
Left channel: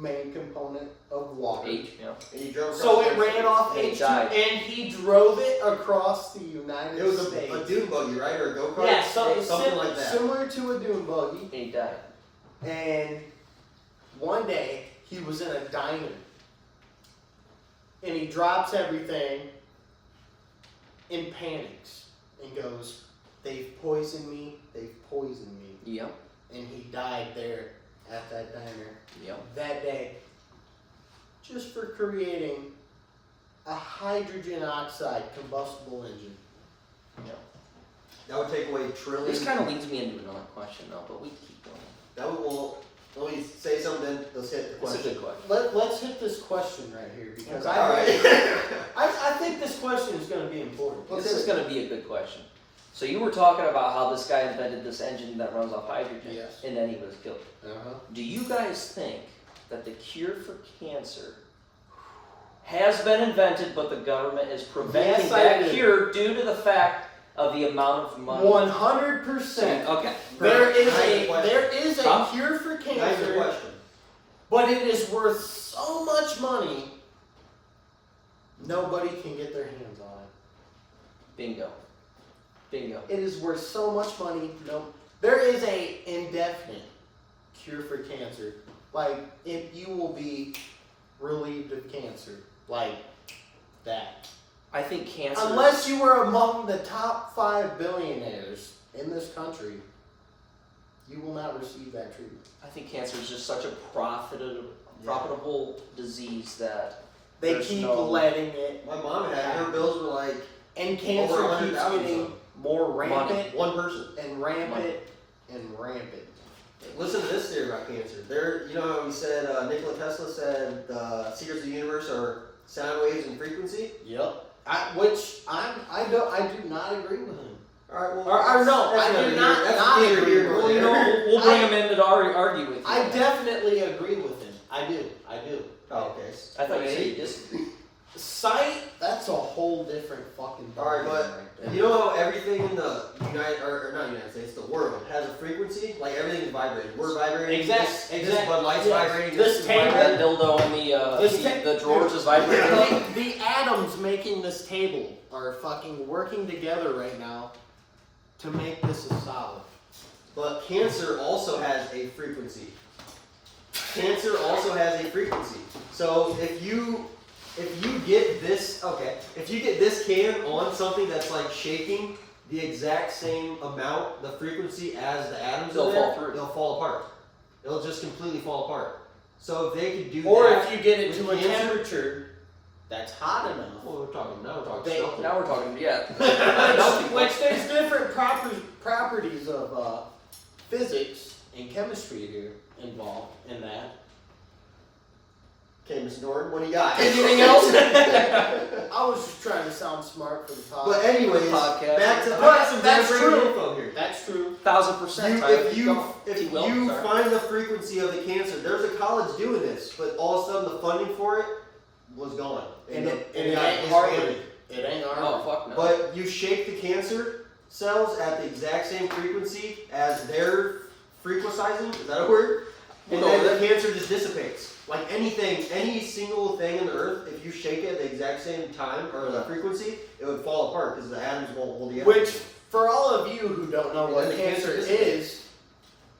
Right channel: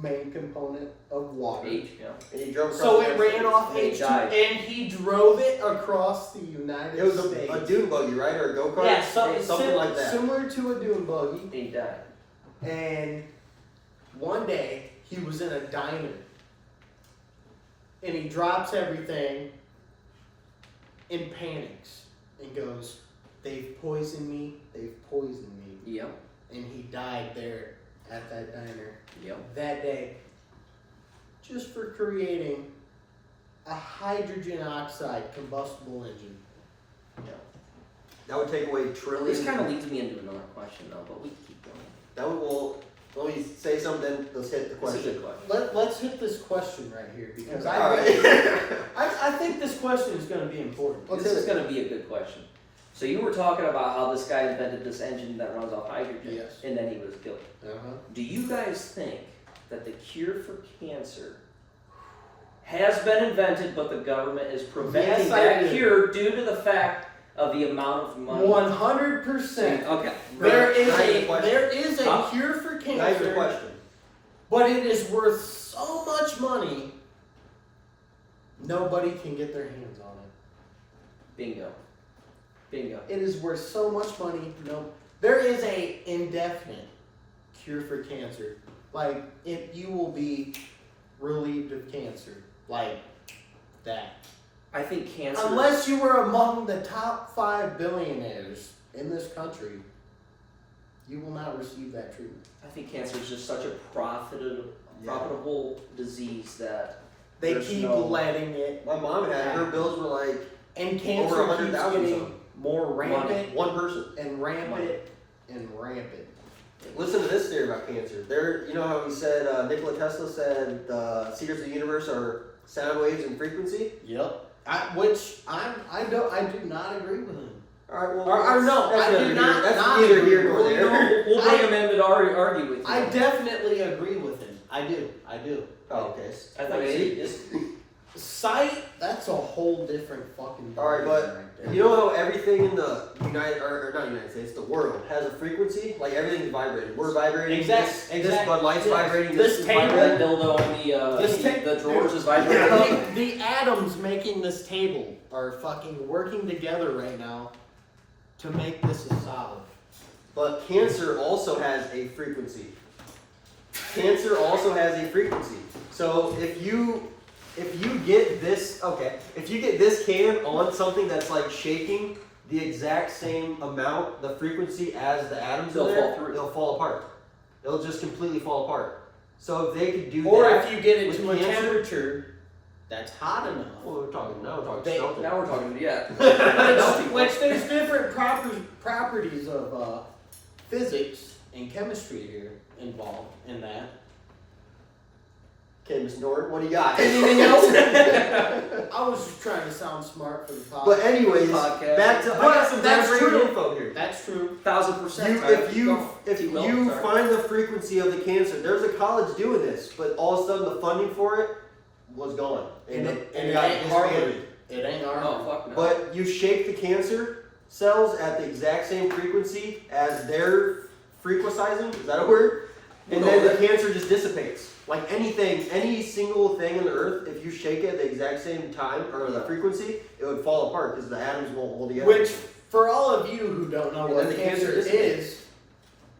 main component of water. H, yeah. And he drove So across it the ran off And he H2, died. and he drove it across the United It was States. a dune buggy, right? Or a go-kart? Yeah, something like that. Similar to a dune buggy. And he died. And one day he was in a diner, and he drops everything and panics and goes, "They've poisoned me. They've poisoned me." Yep. And he died there at that diner Yep. that day, just for creating a hydrogen oxide combustible engine. That would take away trillions. This kind of leads me into another question, though, but we can keep going. That would, well, let me say something, then let's hit the This is a question. good question. Let's hit this question right here because All I right. think this question is going to be important. This is going to be a good question. So you were talking about how this guy invented this engine that runs off hydrogen, Yes. and then he was killed. Uh-huh. Do you guys think that the cure for cancer has been invented, but the government is preventing Yes, I that do. cure due to the fact of the amount of money? 100%. Okay. There is Now your a question. there is a Huh? cure for Now your cancer, question. but it is worth so much money. Nobody can get their hands on it. Bingo. Bingo. It is worth so much money. No, there is a indefinite cure for cancer. Like you will be relieved of cancer, like that. I think cancer. Unless you were among the top 5 billionaires in this country, you will not receive that treatment. I think cancer is just such a profitable disease that They there's keep no- letting it, My mom had, her bills were like and over cancer keeps 100,000 getting something. more rampant one person. and rampant and rampant. Listen to this theory about cancer. You know how we said Nikola Tesla said the secrets of the universe are sound waves and frequency. Yep. I do not agree with him. All right, well, Or no, that's I do neither not- here- that's not neither agree here nor with Well, you there. know, we'll bring him in to argue with you. I definitely agree with him. I do. Oh, okay. I thought you said you just. Sight, that's a whole different fucking All right, ballgame but right there. you know how everything in the not United States, the world has a frequency. Like everything's vibrating. We're vibrating. Exactly. This Bud Light's Yes. vibrating. This is table- That vibrating. dildo on the drawers is the, vibrating. the atoms making this table are fucking working together right now to make this a solid. But cancer also has a frequency. Cancer also has a frequency. So if you get this, if you get this can on something that's like shaking the exact same amount, the frequency as the atoms They'll in there, fall through. they'll fall apart. They'll just completely fall apart. So if they could do Or that, if you get it with to a cancer- temperature that's hot enough. well, we're talking They- something. Now we're talking, yeah. Which there's different properties of physics and chemistry here involved in that. Okay, Mr. Norton, what do you got? Anything else? I was just trying to sound smart for the podcast. But anyways, Podcast. back to I But got some that's great true. info here. That's true. 1000%. Tyler. If you Sorry. find the frequency of the cancer, there's a college doing this, but all of a sudden the funding for it was gone. And it got ain't Harvard. disbanded. It ain't Harvard. Oh, fuck no. But you shake the cancer cells at the exact same frequency as they're frequencising, is that a word? And No, then the that- cancer just dissipates. Like anything, any single thing on the earth, if you shake it at the exact same time, or the frequency, it would fall apart because the atoms won't hold together. Which, for all of you who don't know And what then the cancer cancer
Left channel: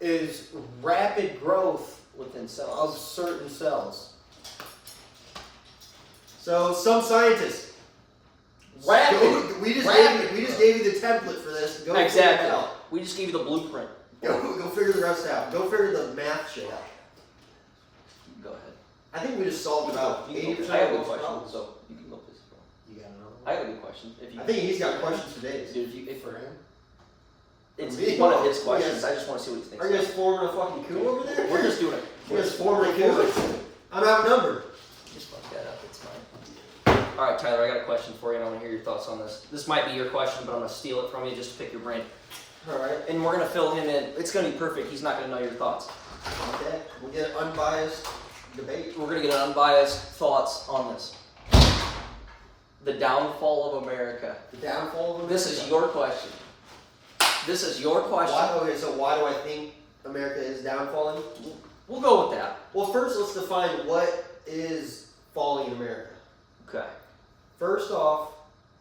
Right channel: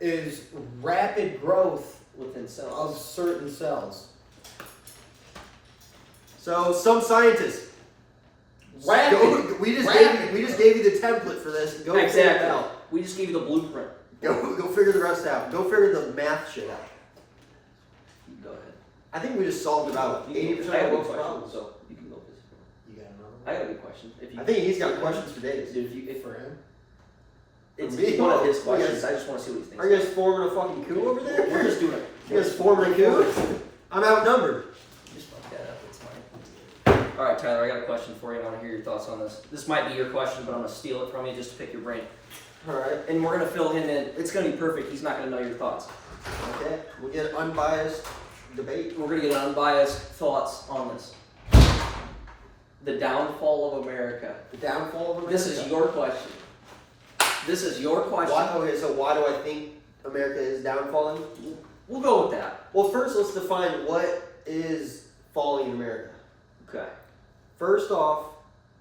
is rapid growth Within of cells. certain cells. So some scientists, Rapid. we just Rapid. gave you the template for this. Go figure it Exactly. out. We just gave you the blueprint. Go figure the rest out. Go figure the math shit out. Go ahead. I think we just solved about 80% I got of a good most question, problems. so you can go this. You got another I got a good question. If you, I think he's got questions for days. Dude, if for him? it's me? one of his You questions. guys- I just want to see what he thinks. Are you guys forming a fucking coup over there? We're just doing it. You guys forming a coup? I'm outnumbered. Just fuck that up. It's fine. All right, Tyler. I got a question for you, and I want to hear your thoughts on this. This might be your question, but I'm gonna steal it from you just to pick your brain. All right. and we're gonna fill him in. It's gonna be perfect. He's not gonna know your thoughts. Okay. We get unbiased debate. We're gonna get unbiased thoughts on this. The downfall of America. The downfall of America. This is your question. This is your question. Okay, so why do I think America is downfalling? We'll go with that. Well, first let's define what is falling in America. Okay. First off,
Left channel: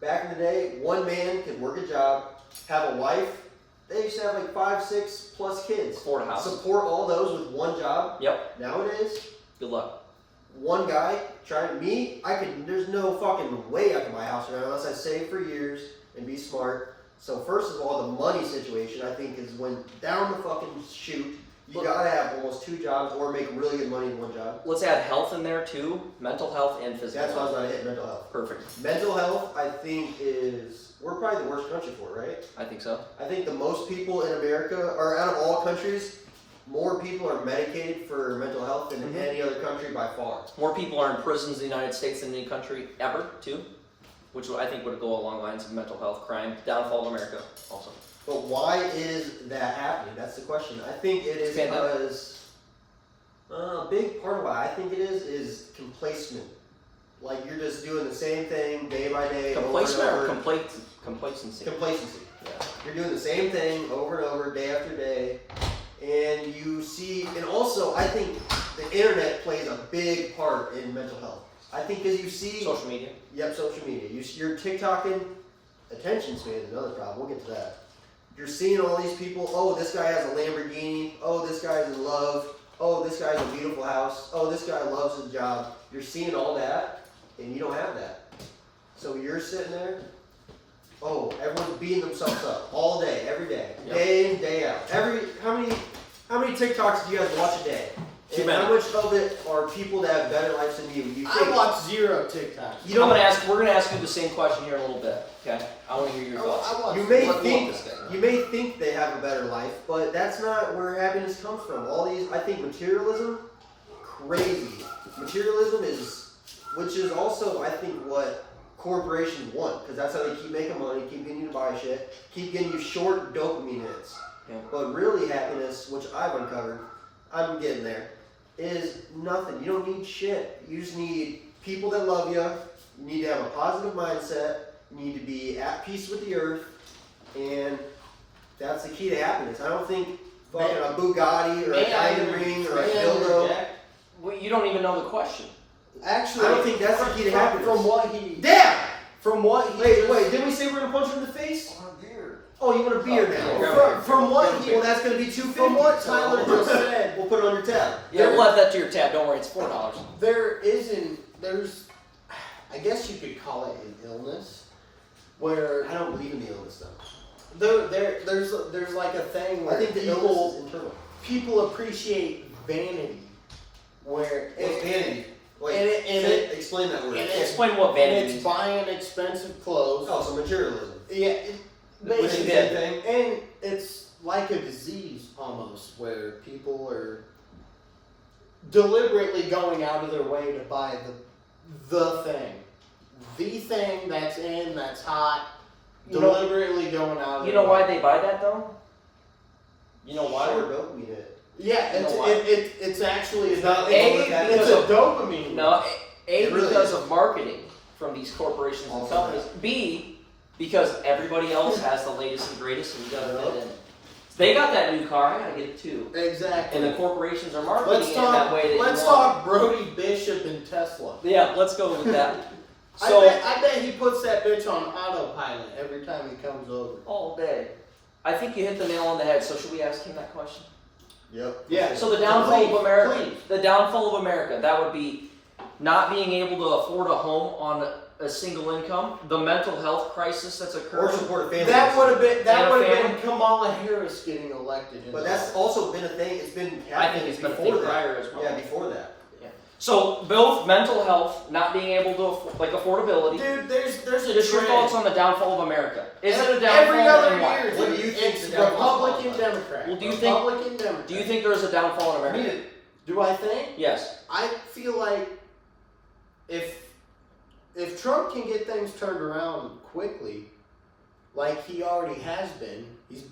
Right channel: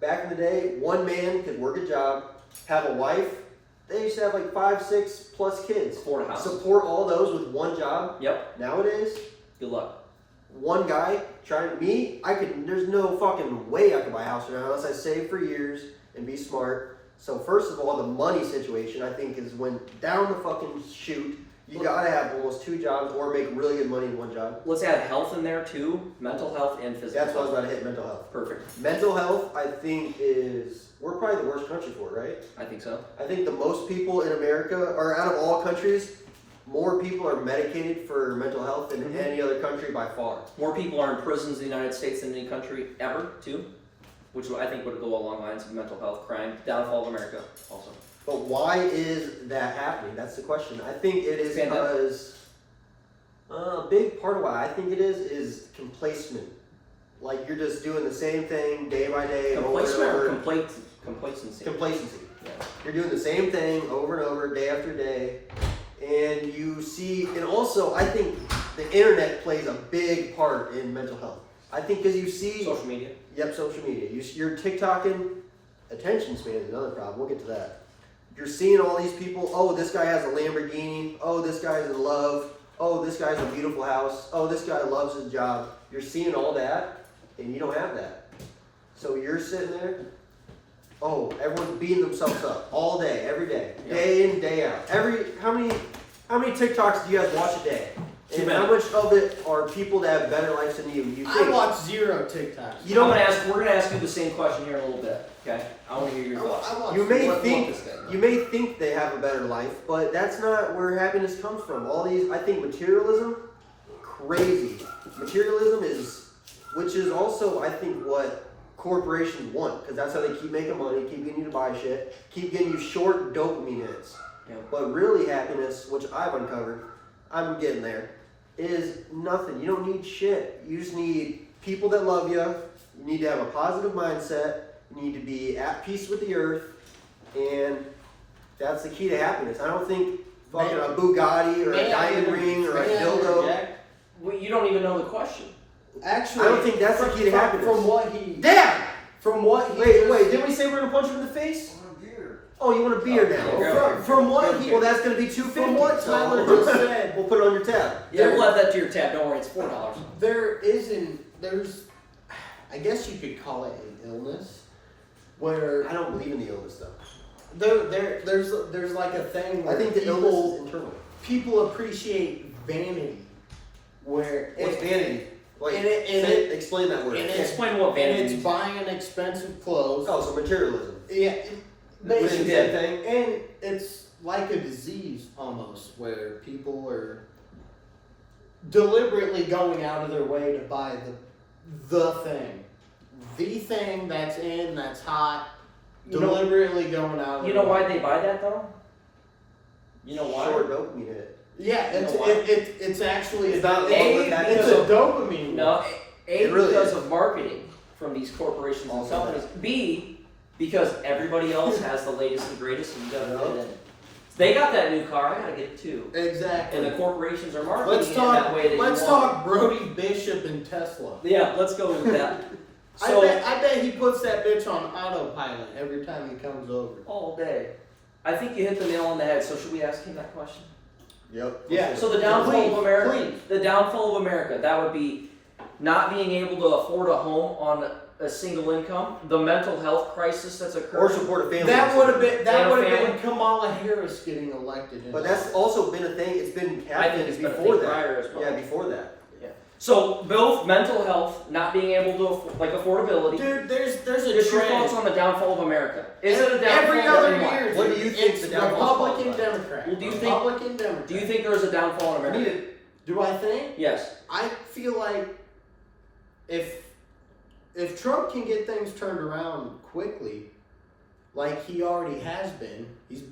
back in the day, one man could work a job, have a wife. They used to have like 5, 6 plus kids. Afford a house. Support all those with one job. Yep. Nowadays, Good luck. one guy trying me, there's no fucking way I can buy a house right now unless I save for years and be smart. So first of all, the money situation I think is went down the fucking chute. You gotta have almost 2 jobs or make really good money in one job. Let's add health in there too. Mental health and physical That's why I was health. about to hit mental health. Perfect. Mental health, I think, we're probably the worst country for it, right? I think so. I think the most people in America, or out of all countries, more people are medicated for mental health than Mhm. any other country by far. More people are in prisons in the United States than any country ever, too. Which I think would go along lines of mental health, crime, downfall of America also. But why is that happening? That's the question. I think it is Pandemic. because a big part of why I think it is complacement. Like you're just doing the same thing day by day, Complacement over or and over. complacency? Complacency. Yeah. You're doing the same thing over and over, day after day, and you see. And also, I think the internet plays a big part in mental health. I think because you see. Social media. Yep, social media. You're TikToking. Attention span is another problem. We'll get to that. You're seeing all these people. Oh, this guy has a Lamborghini. Oh, this guy's in love. Oh, this guy's a beautiful house. Oh, this guy loves his job. You're seeing all that, and you don't have that. So you're sitting there. Oh, everyone's beating themselves up all day, every day, Yep. day in, day out. How many TikToks do you guys watch a day? Too And many. how much of it are people that have better lives than you? You I think? watch 0 TikToks. You don't. We're gonna ask you the same question here in a little bit. Okay. I want to hear your thoughts. I watch You may one think this thing. you may think they have a better life, but that's not where happiness comes from. All these, I think, materialism, crazy. Materialism is, which is also, I think, what corporations want, because that's how they keep making money, keep getting you to buy shit, keep getting you short dopamine hits. Yeah. But really, happiness, which I've uncovered, I'm getting there, is nothing. You don't need shit. You just need people that love you. You need to have a positive mindset. You need to be at peace with the earth, and that's the key to happiness. I don't think fucking a Bugatti or a diamond ring or a dildo. Well, you don't even know the question. Actually, I don't think that's the key to happiness. From what he, Damn! from what he, Wait, didn't we say we're gonna punch him in the face? I want a beer. Oh, you want a beer Okay. now? Yeah. from what he, Well, that's gonna be $2.50. from what Tyler just said, We'll put it on your tab. Yeah, we'll add that to your tab. Don't worry, it's $4. there's, I guess you could call it an illness, where I don't believe in the illness stuff. there's like a thing where I think the illness is internal. people appreciate vanity, where What's vanity? Wait, and explain that word. and Explain what and vanity it's means. buying expensive clothes. Oh, so materialism. Yeah, Which is the basically, same thing. and it's like a disease almost, where people are deliberately going out of their way to buy the thing that's in, that's hot, You know- deliberately going out of their You know way. why they buy that though? You know why? Short dopamine hit. Yeah, You know it's why? it's actually It's not- it's a dopamine. No, It really because is. of marketing from these corporations and Also companies. B, because everybody else has the latest and greatest, and you gotta Yeah. fit in. They got that new car, I gotta get it too. Exactly. And the corporations are marketing Let's it that talk. way. That you Let's want. talk Brody Bishop and Tesla. Yeah, let's go with that. So I bet he puts that bitch on autopilot every time he comes over. all day. I think you hit the nail on the head. So should we ask him that question? Yep. Yeah. So the downfall Please, of America, please. the downfall of America, that would be not being able to afford a home on a single income, the mental health crisis that's Or occurring. support a family. That would have been And a been family. Kamala Harris getting elected. In But that's also been a thing. It's been I think happening it's been a before thing that. prior as well. Yeah, before that. So both mental health, not being able to like affordability. Dude, there's a Just your trend. thoughts on the downfall of America. Is it a downfall? Every other and why? year? What do you think It's the downfall is Republican, caused by? Democrat. Well, do you think- Republican, Democrat. Do you think there's a downfall in I America? need it. Do I think? Yes. I feel like if Trump can get things turned around quickly, like he already has been.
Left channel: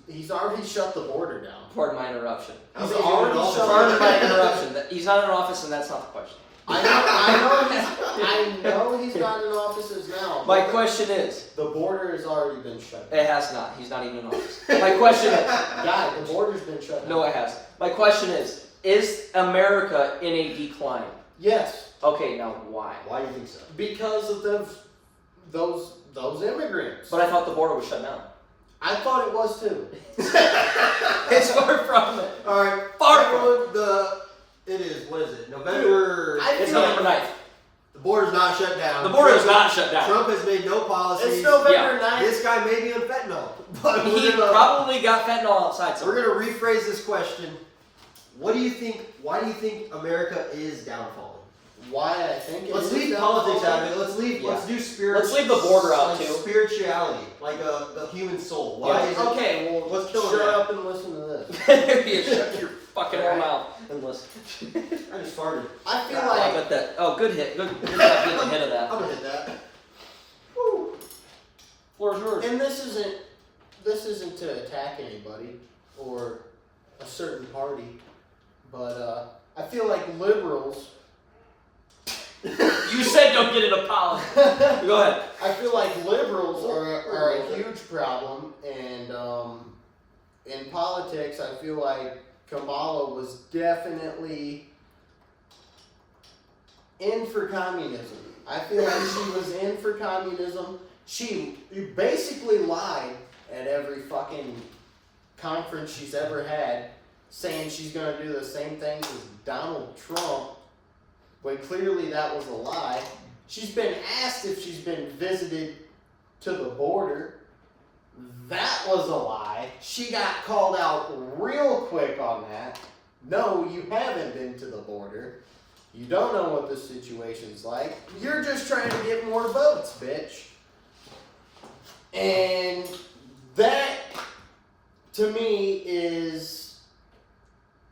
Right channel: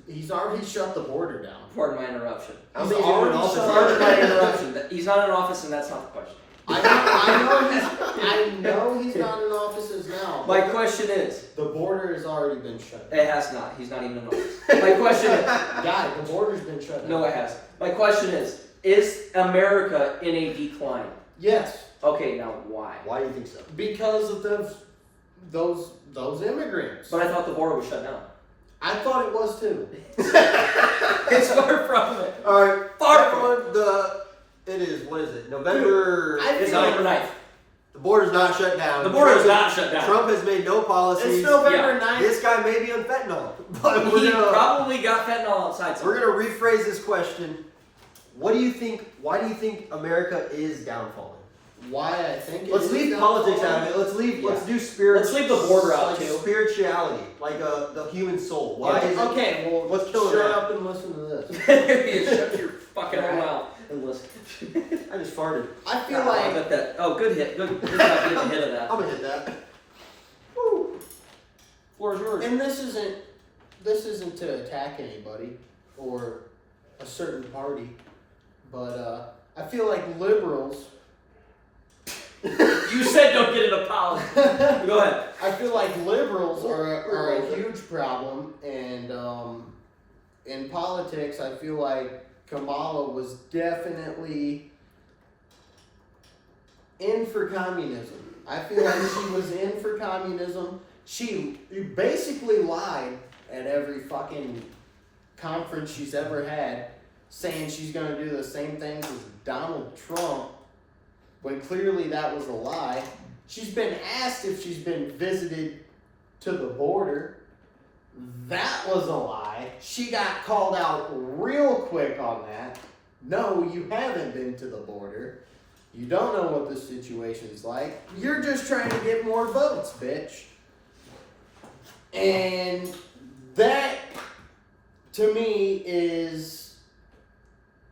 He's already shut the border down. Pardon my interruption. He's already shut Pardon my interruption. He's not in office, and that's not the question. I know he's not in offices now. My question is, the border has already been shut down. it has not. He's not even in office. My question is, Guy, the border's been shut down. no, it hasn't. My question is America in a decline? Yes, Okay, now why? Why do you think so? because of those immigrants. But I thought the border was shut down. I thought it was too. It's far from it. All right, Far from it is. What is it? November. I It's feel November 9th. The border's not shut down. The border is Trump- not shut down. Trump has made no policies. It's November 9th. This guy may be on fentanyl, but He probably got fentanyl outside we're somewhere. gonna rephrase this question. What do you think? Why do you think America is downfalling? Why I think Let's leave politics out of it. Let's do spirit. Let's leave the border out, like too. Spirituality, like the human soul. Why is it? Okay, well, What's killing shut that? up and listen to this. Maybe shut your fucking Alright. mouth and listen. I just farted. I feel I like bet that. Oh, good hit. Good job being a hit of that. I'm gonna hit that. Woo. Floor is yours. And this isn't to attack anybody or a certain party, but I feel like liberals. You said don't get an apology. Go ahead. I feel like liberals are a huge problem, and in politics, I feel like Kamala was definitely in for communism. I feel like she was in for communism. She basically lied at every fucking conference she's ever had, saying she's gonna do the same things as Donald Trump, when clearly that was a lie. She's been asked if she's been visited to the border. That was a lie. She got called out real quick on that. No, you haven't been to the border. You don't know what the situation's like. You're just trying to get more votes, bitch. And that, to me,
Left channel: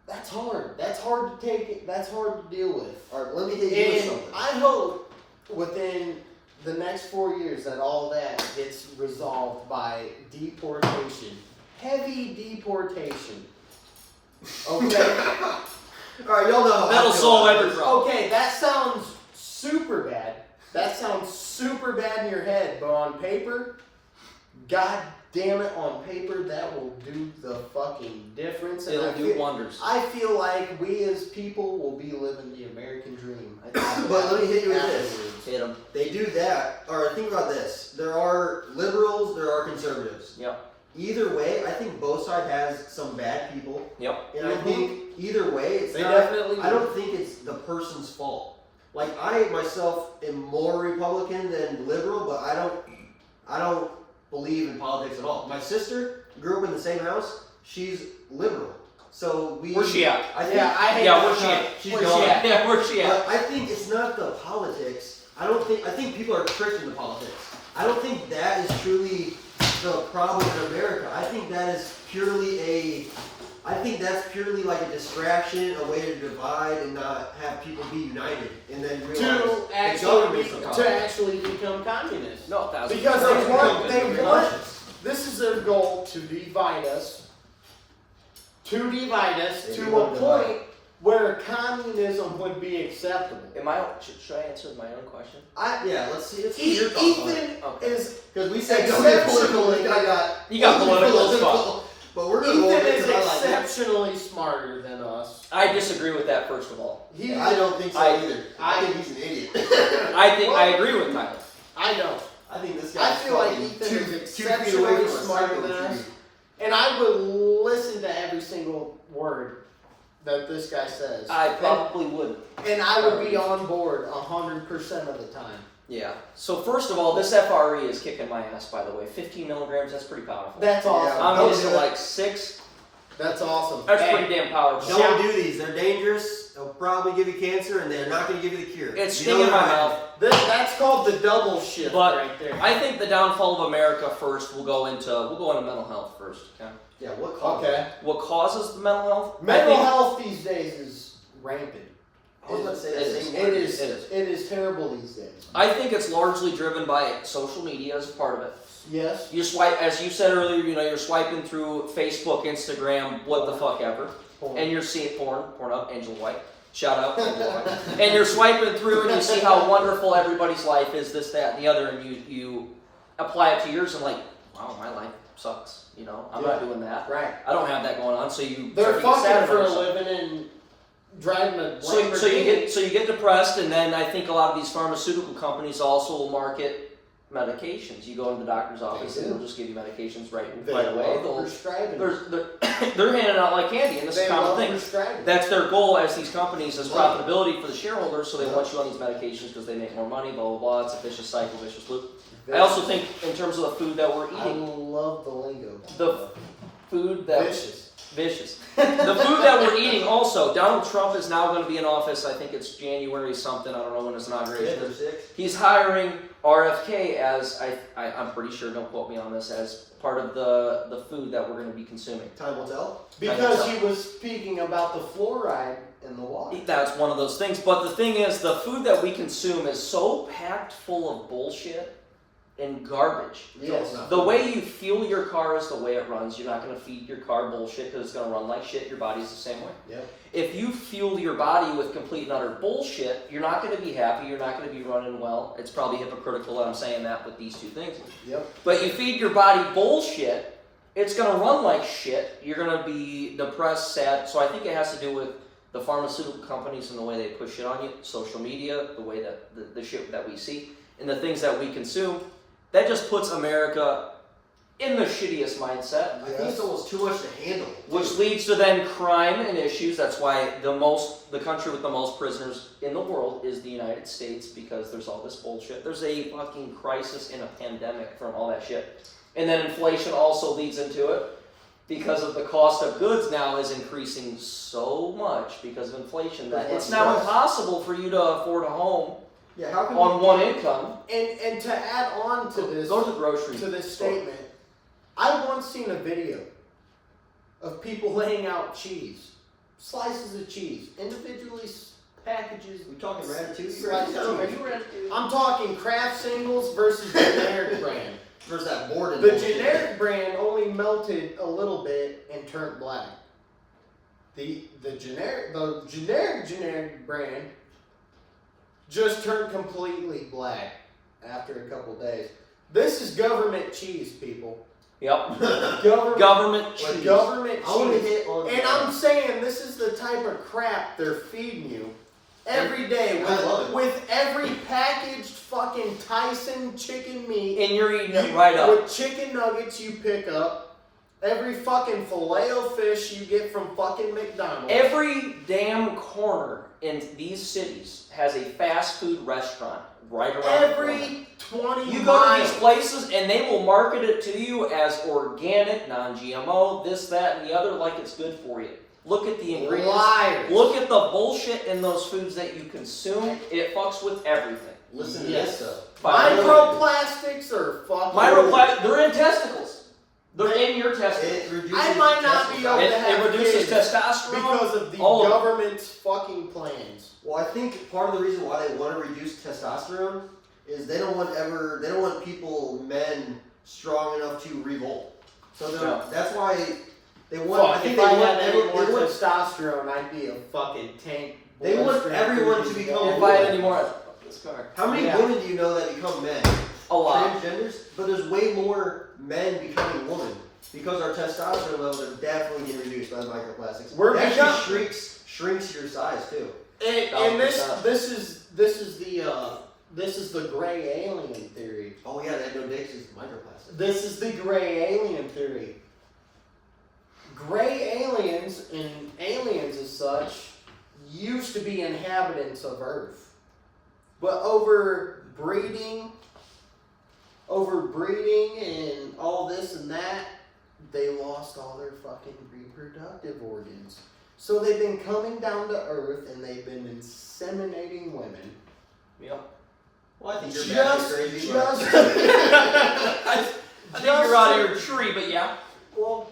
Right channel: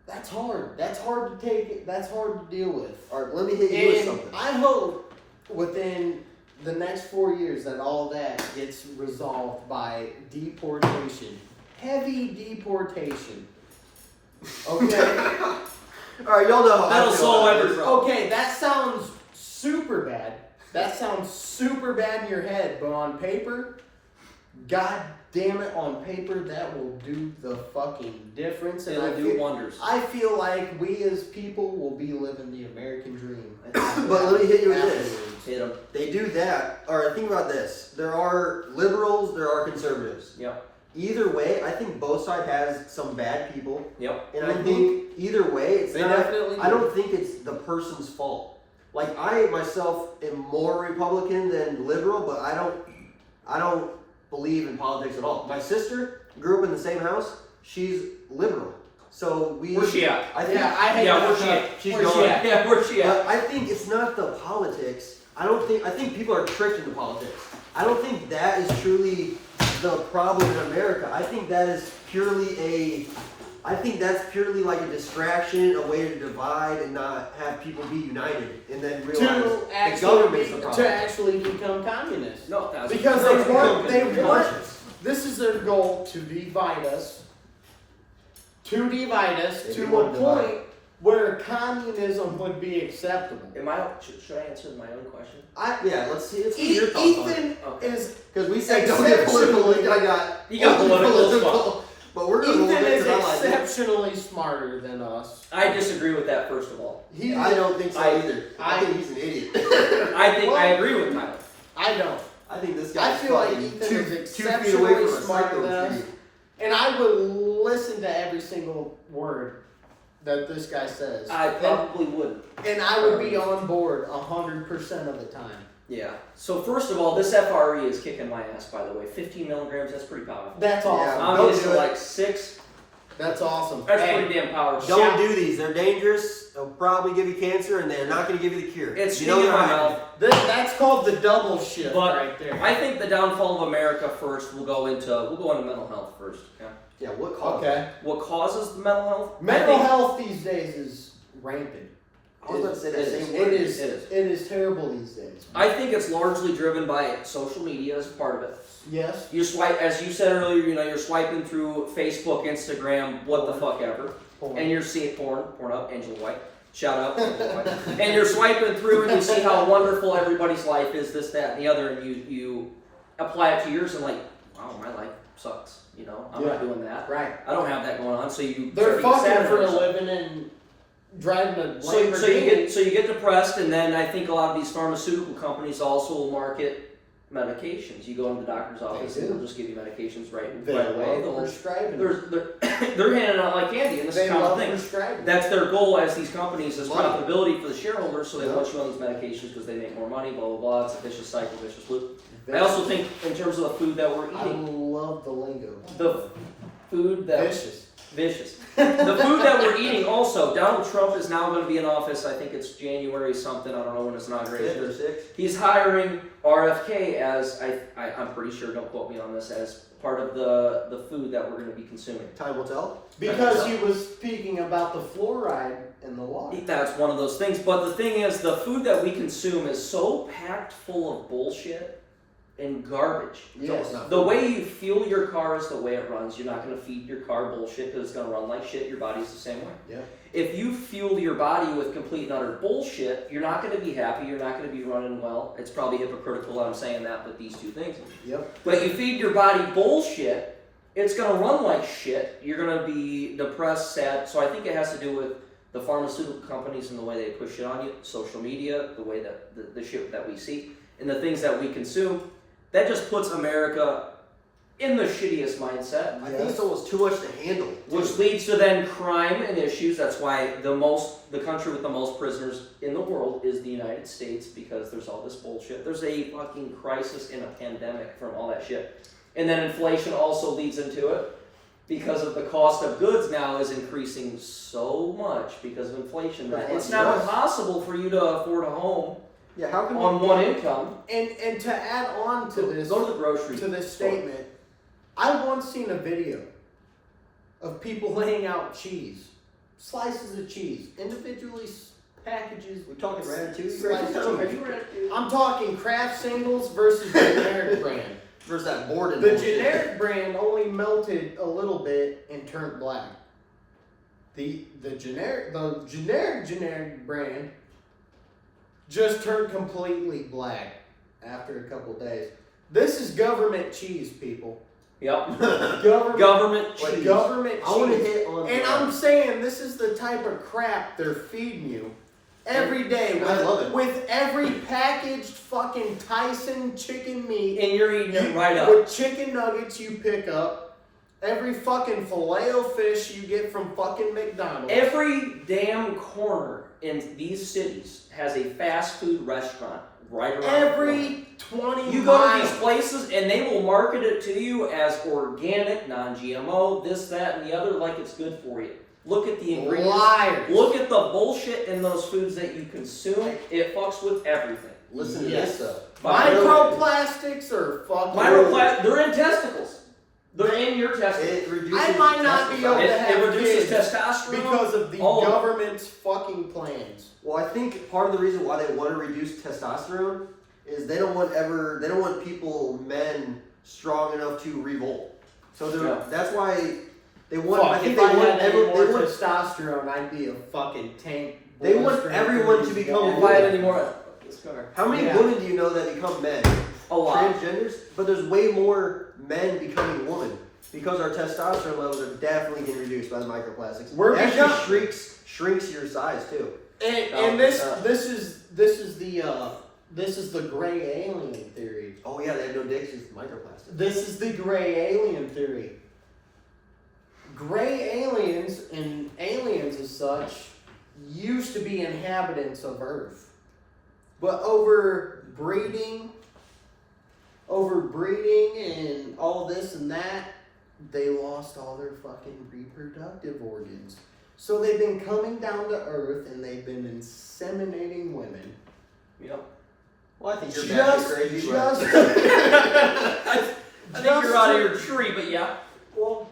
that's hard. That's hard to take it. That's hard to deal with. All right, let me hit you with And something. I hope within the next 4 years that all that gets resolved by deportation. Heavy deportation. Okay? All right, y'all know how I That'll feel solve about every this. problem. Okay, that sounds super bad. That sounds super bad in your head, but on paper, god damn it, on paper, that will do the fucking difference. And It'll do wonders. I feel like we as people will be living the American dream. But let me hit you with this. Afterwards. Hit him. They do that. All right, think about this. There are liberals, there are conservatives. Yep. Either way, I think both sides has some bad people, Yep. and I think either way, it's They not. definitely I do. don't think it's the person's fault. Like I myself am more Republican than liberal, but I don't believe in politics at all. My sister grew up in the same house. She's liberal, so we. Where's she at? I think, Yeah, I hate Yeah, that where's she stuff. at? She's Where's gone. she at? Yeah, where's she at? But I think it's not the politics. I think people are tricked into politics. I don't think that is truly the problem in America. I think that is purely that's purely like a distraction, a way to divide and not have people be united, and then realize the government's the problem. to actually become communists. No, that was Because they want Conscious. this is their goal, to divide us They to do a want to divide. point where communism would be acceptable. Should I answer my own question? Yeah, let's see your thoughts on it. Ethan Okay. is Because we say don't get political. exceptionally- You got political as fuck. But we're gonna go Ethan with is it 'cause I like it. exceptionally smarter than us. I disagree with that, first of all. He, I don't think so either. I think he's an idiot. I agree with Tyler. I don't. I think this guy. I feel like Ethan is exceptionally smarter than us. And I would listen to every single word that this guy says. I probably wouldn't. And I would be on board 100% of the time. Yeah. So first of all, this FRE is kicking my ass, by the way. 15 milligrams, that's pretty powerful. That's awesome. I'm Don't getting do to it. like 6. That's awesome. That's Hey, pretty damn powerful. Don't do these. They're dangerous. They'll probably give you cancer, and they're not going to give you the cure. It's you stinging know my that. mouth. That's called the double shift But right there. I think the downfall of America first. We'll go into mental health first. Okay. Yeah, what caused Okay. it? What causes the mental health? Mental I think- health these days is rampant. I was about to say that It same is. word. It is terrible these days. I think it's largely driven by social media as part of it. Yes. You swipe, as you said earlier, you're swiping through Facebook, Instagram, what the fuck ever, and you're seeing porn up, Angel White. Shout out, Angel White. And you're swiping through, and you see how wonderful everybody's life is, this, that, and the other, and you apply it to yours, and like, wow, my life sucks. I'm not doing that. Right. I don't have that going on. So they're start to get sad fucking for a about yourself. living and driving a Lamborghini. So you get depressed, and then I think a lot of these pharmaceutical companies also will market medications. You go into the doctor's office and they'll just give you medications right away. They're handing out like candy, and this is a common thing. Prescribing. That's their goal as these companies, as profitability for the shareholders, so they want you on these medications because they make more money, blah, blah, blah. It's a vicious cycle, vicious loop. I also think in terms of the food that we're I eating, love the lingo. the food that... Vicious. The food that we're eating also, Donald Trump is now going to be in office, I think it's January something, I don't know when his inauguration is. He's hiring RFK as, I'm pretty sure, don't quote me on this, as part of the food that we're going to be consuming. Time will tell. Because he was speaking about the fluoride in the water. That's one of those things, but the thing is, the food that we consume is so packed full of bullshit and garbage. Yes. The way you fuel your car is the way it runs. You're not going to feed your car bullshit because it's going to run like shit. Your body's the same way. Yep. If you fuel your body with complete and utter bullshit, you're not going to be happy. You're not going to be running well. It's probably hypocritical that I'm saying that with these two things. Yep. But you feed your body bullshit, it's going to run like shit. You're going to be depressed, sad. So I think it has to do with the pharmaceutical companies and the way they push shit on you, social media, the way that the shit that we see, and the things that we consume. That just puts America in the shittiest mindset. I think it's almost too much to handle. Which leads to then crime and issues. That's why the country with the most prisoners in the world is the United States, because there's all this bullshit. There's a fucking crisis and a pandemic from all that shit. And then inflation also leads into it, because of the cost of goods now is increasing so much because of inflation that it's now impossible for you to afford a home. Yeah, how can on one income. And to add on to this, go to the grocery to this statement, I once seen a video of people laying out cheese, slices of cheese, individually packages. We're talking Ratatouille. Slices of cheese. I'm talking Kraft singles versus generic brand. Versus that Borden. The generic brand only melted a little bit and turned black. The generic brand just turned completely black after a couple days. This is government cheese, people. Yep. Government cheese. Government cheese. I want to hit on. And I'm saying this is the type of crap they're feeding you every day with every packaged fucking Tyson chicken meat. And you're eating it right up. With chicken nuggets you pick up. Every fucking filet-o-fish you get from fucking McDonald's. Every damn corner in these cities has a fast food restaurant right around every 20 You miles. go to these places and they will market it to you as organic, non-GMO, this, that, and the other, like it's good for you. Look at the ingredients. Liars. Look at the bullshit in those foods that you consume. It fucks with everything. Listen to this stuff. Microplastics are fucking... They're in testicles. They're in your testicles. I might not be able to have It reduces kids testosterone because of the government's fucking plans. Well, I think part of the reason why they want to reduce testosterone is they don't want men strong enough to revolt. So that's why they want. Fuck, if I had any more testosterone, I'd be a fucking tank. They want everyone to become. If I had any more, how many women do you know that become men? A lot. Transgenders, but there's way more men becoming women because our testosterone levels are definitely getting reduced by the microplastics. It actually shrinks your size too. And this is the gray alien theory. Oh yeah, they have no dicks, it's microplastics. This is the gray alien theory. Gray aliens and aliens as such used to be inhabitants of Earth, but over breeding and all this and that, they lost all their fucking reproductive organs. So they've been coming down to Earth and they've been inseminating women. Yep. Well, I think you're I crazy. think you're out of your tree, but yeah. Well,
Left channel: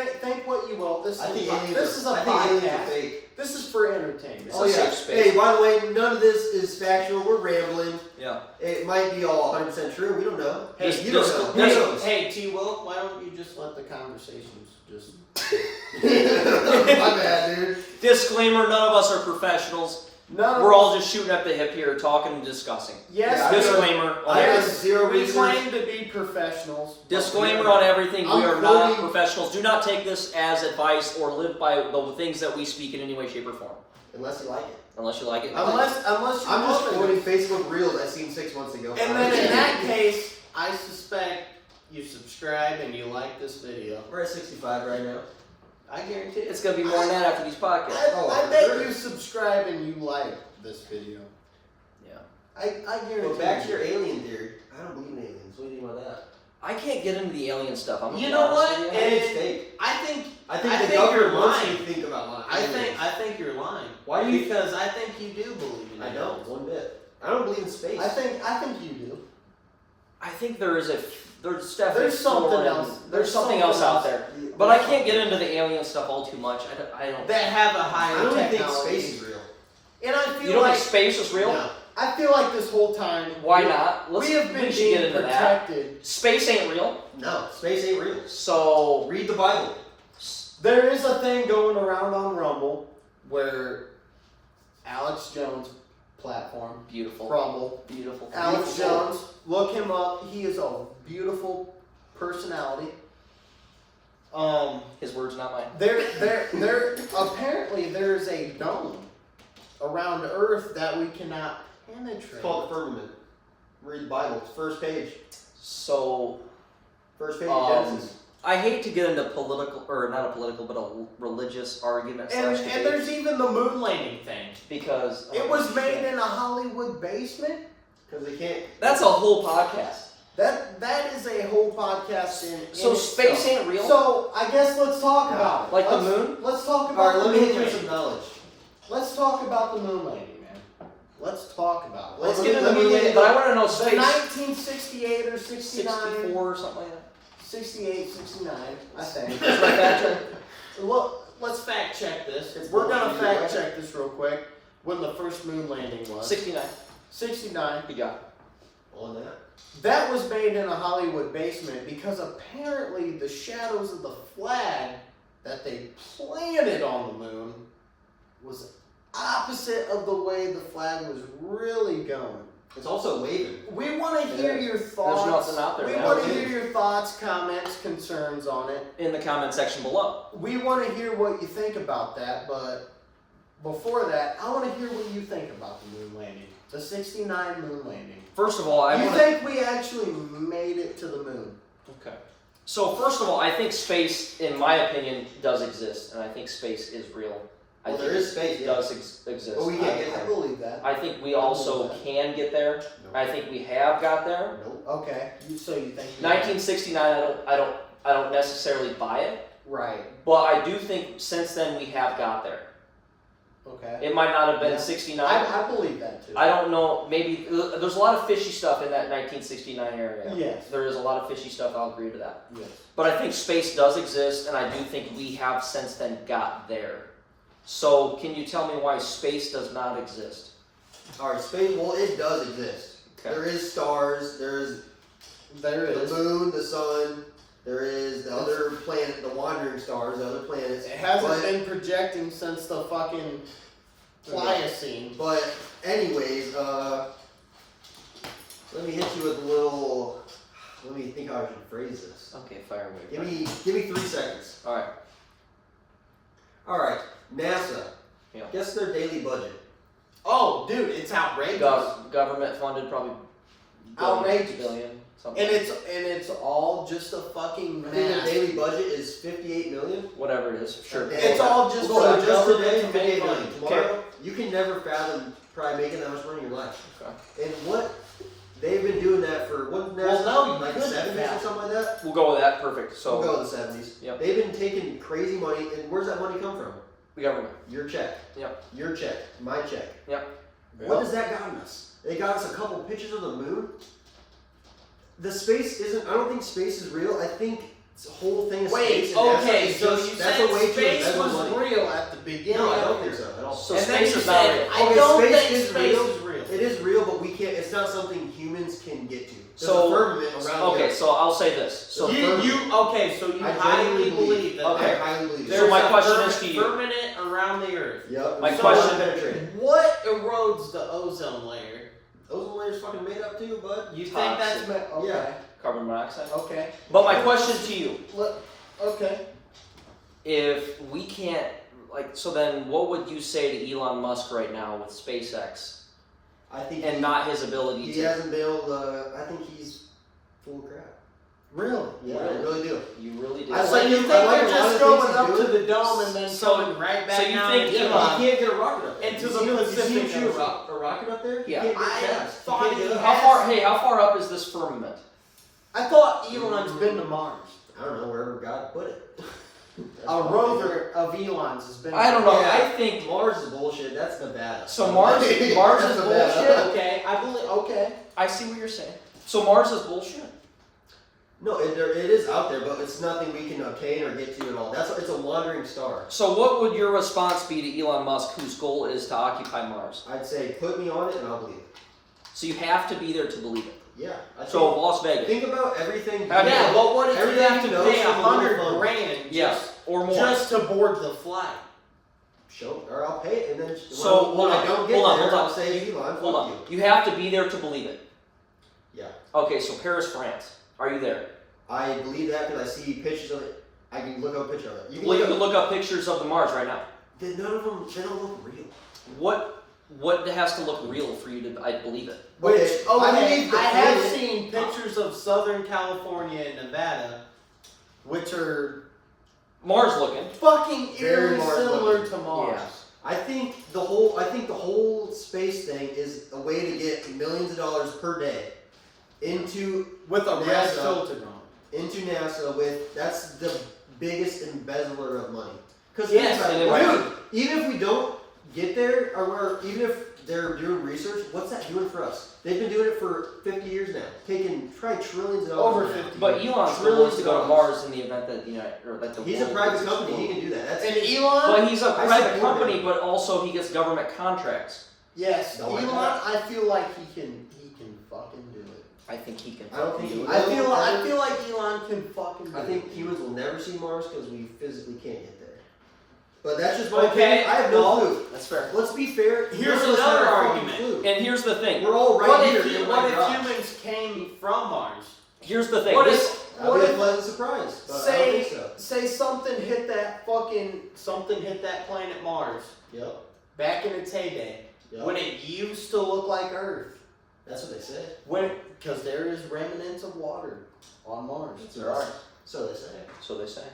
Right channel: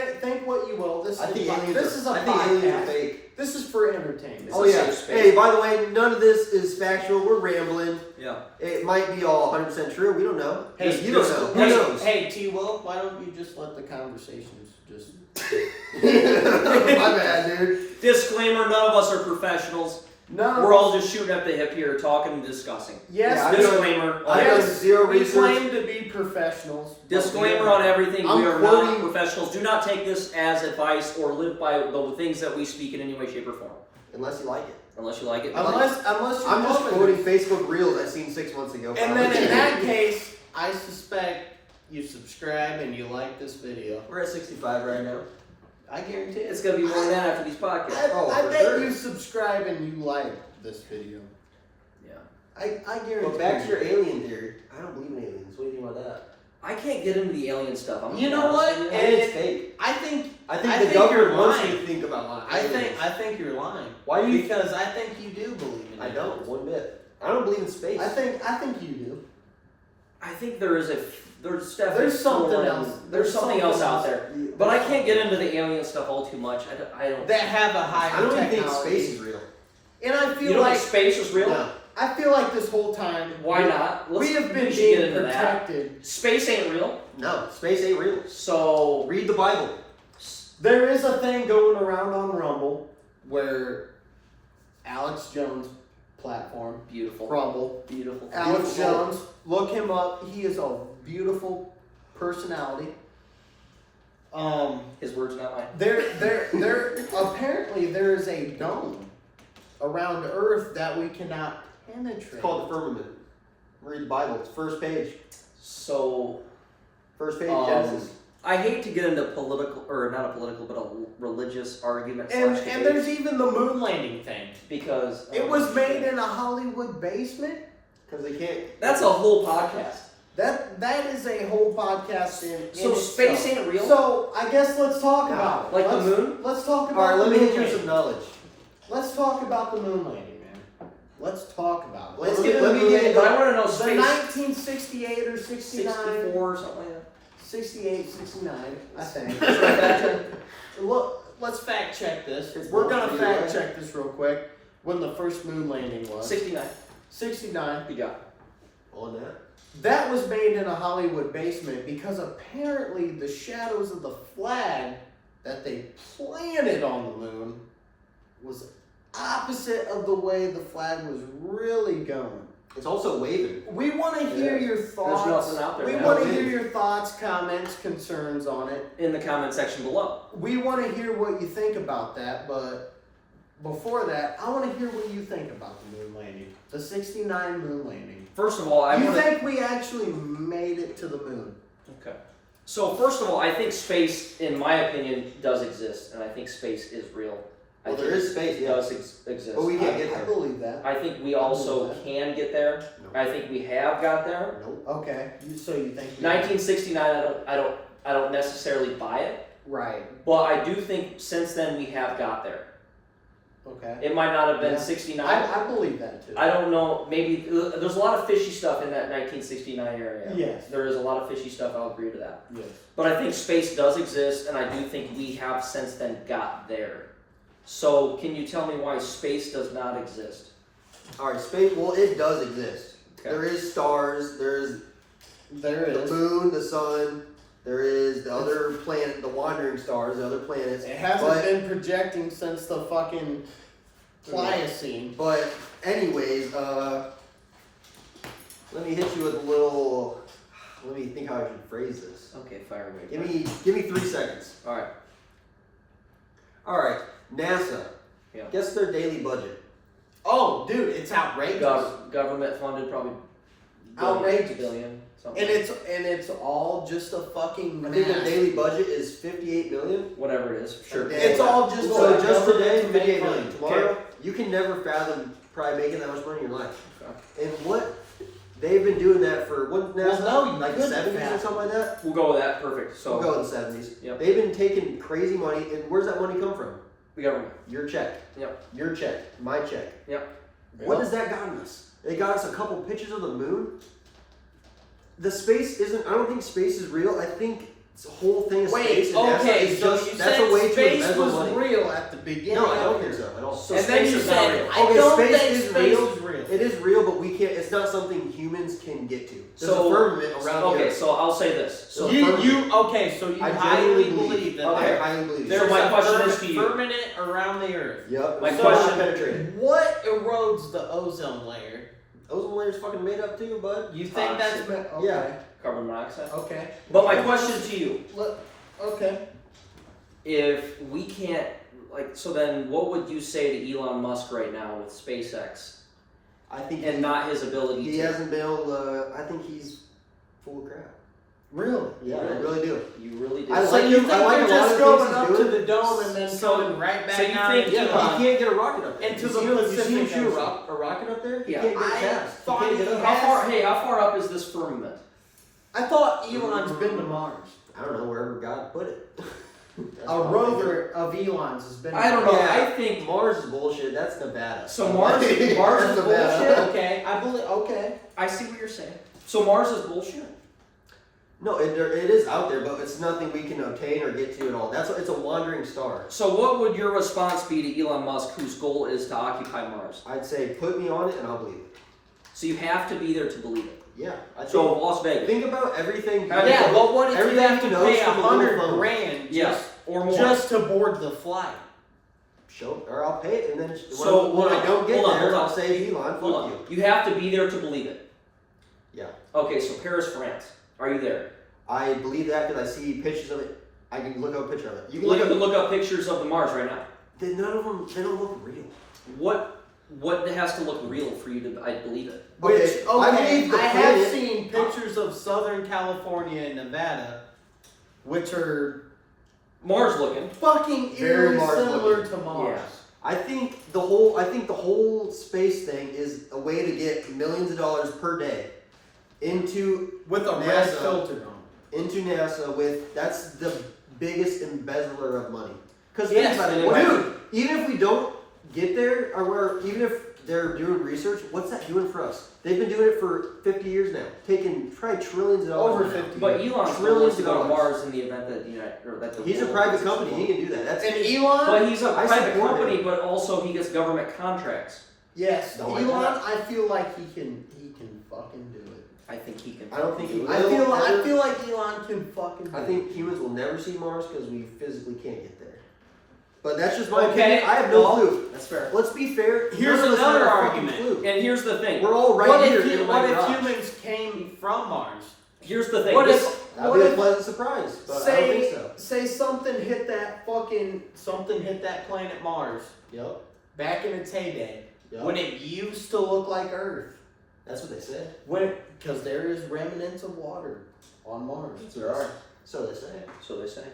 think what you will. This is I think a aliens this is a I think aliens are podcast. fake. This is for entertainment. It's Oh a yeah. safe space. Hey, by the way, none of this is factual. We're rambling. Yeah. It might be all 100% true. We don't know. Hey, you don't know. Who Hey, knows? hey, T. Wilk, why don't you just let the conversations just? My bad, dude. Disclaimer: none of us are professionals. None We're of all just shooting at the hip here, talking and discussing. yes, Yeah, Disclaimer. on I have everything. zero we research. claim to be professionals. but we Disclaimer are on not. everything. I'm We are not quoting- professionals. Do not take this as advice or live by the things that we speak in any way, shape, or form. Unless you like it. Unless you like it. Unless you're I'm just loving quoting it. Facebook Reels I seen 6 months ago. And then in that case, I suspect you subscribe and you like this video. We're at 65 right now. I guarantee it. It's gonna be more than that after these podcasts. I for bet sure. you subscribe and you like this video. Yeah. I guarantee. But back to you. your alien theory. I don't believe in aliens. What do you think about that? I can't get into the alien stuff. I'm gonna You be know honest what? with I you. think it's fake. I think I think I the think government you're wants lying. you to think about lying. I think you're lying. Why do you? Because I think you do believe in it. I don't. One bit. I don't believe in space. I think you do. I think there's definitely There's something foreign- else. There's something else out there. The- But I can't get into the alien stuff all too much. I don't. That have a higher I don't even think technology. space is real. And I You feel don't like think space is real? No. I feel like this whole time Why not? we have been should get being into that. protected. Space ain't real. No, space ain't real. So Read the Bible. There is a thing going around on Rumble where Alex Jones platform, beautiful. Rumble, Beautiful. Alex Beautiful. Jones, look him up. He is a beautiful personality. His words, not mine. There apparently there is a dome around Earth that we cannot penetrate. It's called the firmament. Read the Bible. It's first page. So First page of Genesis. I hate to get into political, or not a political, but a religious argument. and slash and debate there's even the moon landing thing. because It was made in a Hollywood basement. Because they can't. That's a whole podcast. That is a whole podcast in So space itself. ain't real. So I guess let's talk No. about it. Like the Let's- moon? Let's talk All about right, the let me moon hit you with landing. some knowledge. Let's talk about the moon landing, man. Let's talk about it. Let's Let's get get into into the the moon but I want to know the space. 1968 or 69, 64 or something like that. 68, 69, I think. Should I fact check? Look, let's fact check this. It's We're gonna bullshit, fact right? check this real quick. When the first moon landing was 69. 69. You got it. On that. That was made in a Hollywood basement because apparently the shadows of the flag that they planted on the moon was opposite of the way the flag was really going. It's also waving. We want to hear Yeah. your thoughts. nothing out there we now. want to hear your thoughts, comments, concerns on it. In the comment section below. We want to hear what you think about that, but before that, I want to hear what you think about the moon landing. The 69 moon landing. First of all, I You wanna- think we actually made it to the moon? Okay. So first of all, I think space, in my opinion, does exist, and I think space is real. Well, I there think is space, it yeah. does exist. But we can't get I there. believe that. I think we also that. can get there. No. I think we have got there. Nope. Okay. So you think we 1969, I don't necessarily buy it, Right. but I do think since then we have got there. Okay. It might not have been Yeah. 69. I believe that too. I don't know. Maybe there's a lot of fishy stuff in that 1969 area. Yes. There is a lot of fishy stuff. I'll agree to that. Yes. But I think space does exist, and I do think we have since then got there. So, can you tell me why space does not exist? All right, space. Well, it does exist. Okay. There is stars. There's There the is. moon, the sun. There is the other planet, the wandering stars, the other planets. It hasn't But- been projecting since the fucking Pliocene. But anyways, let me hit you with a little. Let me think how I should phrase this. Okay, fire away. Give me 3 seconds. All right. All right, NASA. Yeah. Guess their daily budget. Oh, dude, it's outrageous. Government funded, probably Outrageous. billion, something. And it's all just a fucking I think their math. daily budget is 58 million. Whatever it is. Sure. It's all just So for the just government today, to make 58 money. million. Tomorrow, you can never fathom probably making that much money in your life. Okay. And what they've been doing that for what NASA? Well, no, you like couldn't 70s or fathom. something like that. We'll go with that. Perfect. So, We'll go with the 70s. Yep. They've been taking crazy money, and where's that money come from? the government. Your check. Yep. Your check. My check. Yep. What has that gotten us? They got us a couple pictures of the moon. The space isn't. I don't think space is real. I think whole thing of Wait, space. And okay, NASA is so just, you that's said a way to space embezzle was money. real at the beginning. No, I don't of think it. so at all. So And then space you is not said, real. I Okay, don't space think is space real. is real. It is real, but we can't. It's not something humans can get to. There's So- a firmament around the Okay, Earth. so I'll say this. So The firmament. So you I highly genuinely believe that I there- highly believe. there's my a question is to you. firmament around the Earth. Yep. My So question- penetrated. What erodes the ozone layer? Ozone layer's fucking made up too, bud. You think that's Toxic. okay? Yeah. Carbon monoxide. Okay. But my question to you, Okay. if we can't, like, so then what would you say to Elon Musk right now with SpaceX I think and not his ability he to? hasn't been able to. I think he's full of crap. Really? Yeah, I Really? really do. You really do. I So like you him- think I like they're a lot just of the going things up he's to doing. the dome and then So- coming right back so you down think into Yeah, the- but he can't get a rocket up there. into You the see him- you Pacific see him shoot Ocean. a rocket up there? He Yeah. can't get I fast. thought can't he get up. How had- far? Hey, how far up is this firmament? I thought Elon's been to Mars. I don't know wherever God put it. A rover of Elon's has been. I don't know. Yeah. I think Mars is bullshit. That's Nevada. so. Mars That's is Nevada. bullshit. Okay, I believe. Okay. I see what you're saying. So Mars is bullshit. No, it is out there, but it's nothing we can obtain or get to at all. It's a wandering star. So what would your response be to Elon Musk, whose goal is to occupy Mars? I'd say put me on it and I'll believe it. So you have to be there to believe it. Yeah. I So think, Las Vegas. think about everything. Yeah, but what if you everything have to he knows pay from the little phone. $100,000 Yes, or more. just to board the flight? Show, or I'll pay it, and then So, when I don't get hold on, there, hold on. I'll say Elon, Hold fuck on. you. You have to be there to believe it. Yeah. Okay, so Paris, France. Are you there? I believe that because I see pictures of it. I can look up a picture of it. You can Well, you look can up. look up pictures of the Mars right now. None of them. They don't look real. What has to look real for you to I believe it? Which, Okay, okay, I believe the I have planet- seen pictures of Southern California and Nevada, which are Mars looking. fucking Very eerily Mars similar looking. to Mars. Yeah. I think the whole space thing is a way to get millions of dollars per day into With a red NASA. filter on. into NASA with that's the biggest embezzler of money. Because Yes, think and about it, then- dude, even if we don't get there, even if they're doing research, what's that doing for us? They've been doing it for 50 years now, taking probably trillions of dollars. Over now. 50. But Elon's Trillions willing to go to of Mars in the event that or that the He's a world private gets company. He exploded. can do that. That's And Elon, Well, he's a I private support company, it. but also he gets government contracts. yes, No, why Elon, not? I feel like he can fucking do it. I think he can. I don't think he do it. will. I feel like Elon can fucking do I it. think humans will never see Mars because we physically can't get there. But that's just my Okay, opinion. I have no well, clue. That's fair. Let's be fair. Here's none of us another have a fucking argument. clue. And here's the thing. We're all right what here. if, in what my if garage. humans came from Mars? Here's the thing. What This- if That'd what be a if pleasant surprise. But I don't think so. say something hit that planet Mars Yep. back in its heyday Yep. when it used to look like Earth? That's what they said. Because there is remnants of water on Mars. There are. So they say. So they say.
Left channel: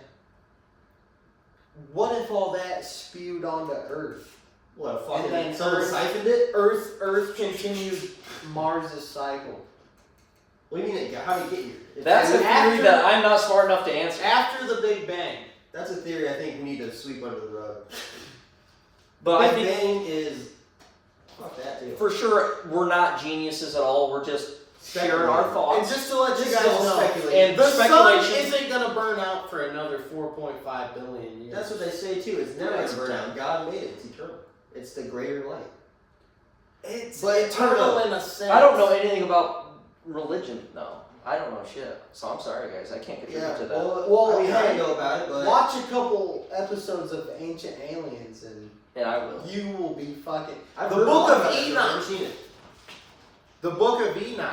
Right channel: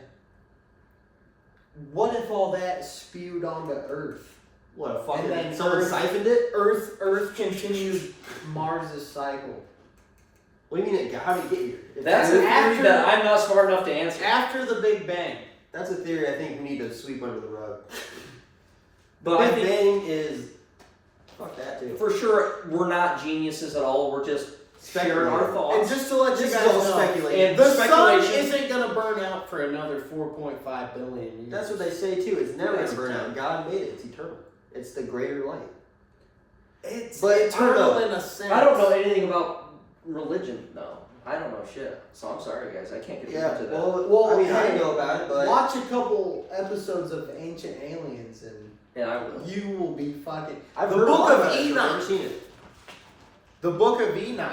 What if all that spewed onto Earth? What, fucking then someone Earth- siphoned it? Earth continued Mars's cycle. What do you mean? How did it get here? That's a That's theory that I'm not smart enough to answer. After the Big Bang. a theory I think we need to sweep under the rug. But I Big think Bang is. Fuck that too. for sure we're not geniuses at all. We're just sharing our Speculating. thoughts. And just to let This you is guys all know, speculation. And the sun speculation- isn't going to burn out for another 4.5 billion years. That's what they say too. It's never Yeah, gonna it's burn eternal. out. God made it. It's eternal. It's the greater light. It's But eternal in a sense. I don't know anything about religion. No, I don't know shit. So I'm sorry, guys. I can't contribute Yeah. to that. Well, I mean, I hey, know about it, but watch a couple episodes of Ancient Aliens and And I will. you will be fucking. I've The heard a Book lot of about it, but I've Enoch. never seen it. The Book of Enoch.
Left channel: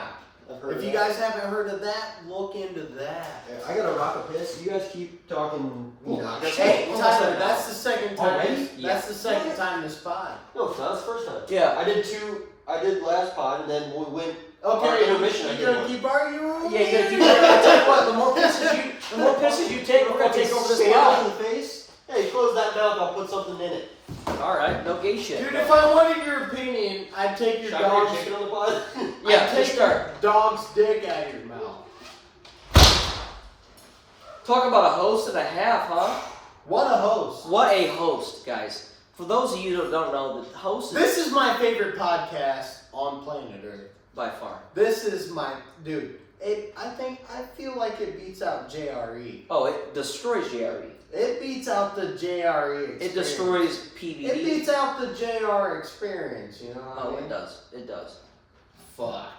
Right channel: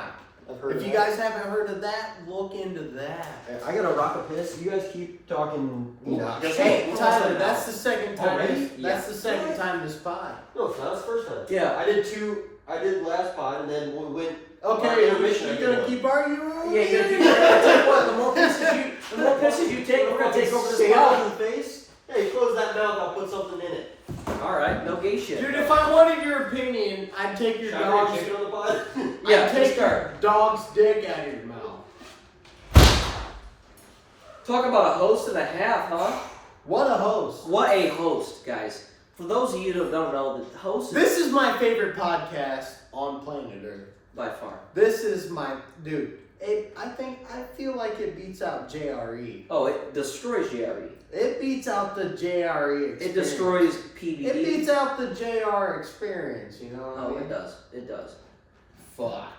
I've heard If of you that. guys haven't heard of that, look into that. I gotta rock a piss. You guys keep talking. Enoch. Hey, What was Tyler, that that's now? the second time. Oh, really? That's the second time this pod. No, it's not. It's the first time. Yeah. I did two. I did last pod, and then we went. Okay, Intermission, I you did gonna one. keep arguing? Yeah, you gotta keep I tell you what, the more pisses you take, we're gonna take over this Stand pod. in the face. Hey, close that mouth. I'll put something in it. All right, no gay shit. Dude, if I wanted your opinion, I'd take your Should I put dog's. chicken on the pod? Yeah, I'd take just your start. dog's dick out of your mouth. Talk about a host and a half, huh? What a host! What a host, guys. For those of you who don't know, the host is This is my favorite podcast on planet Earth. by far. This is my dude. I feel like it beats out JRE. Oh, it destroys JRE. It beats out the JRE experience. It destroys PvE. It beats out the JR experience, you know what I Oh, mean? it does. It does. Fuck.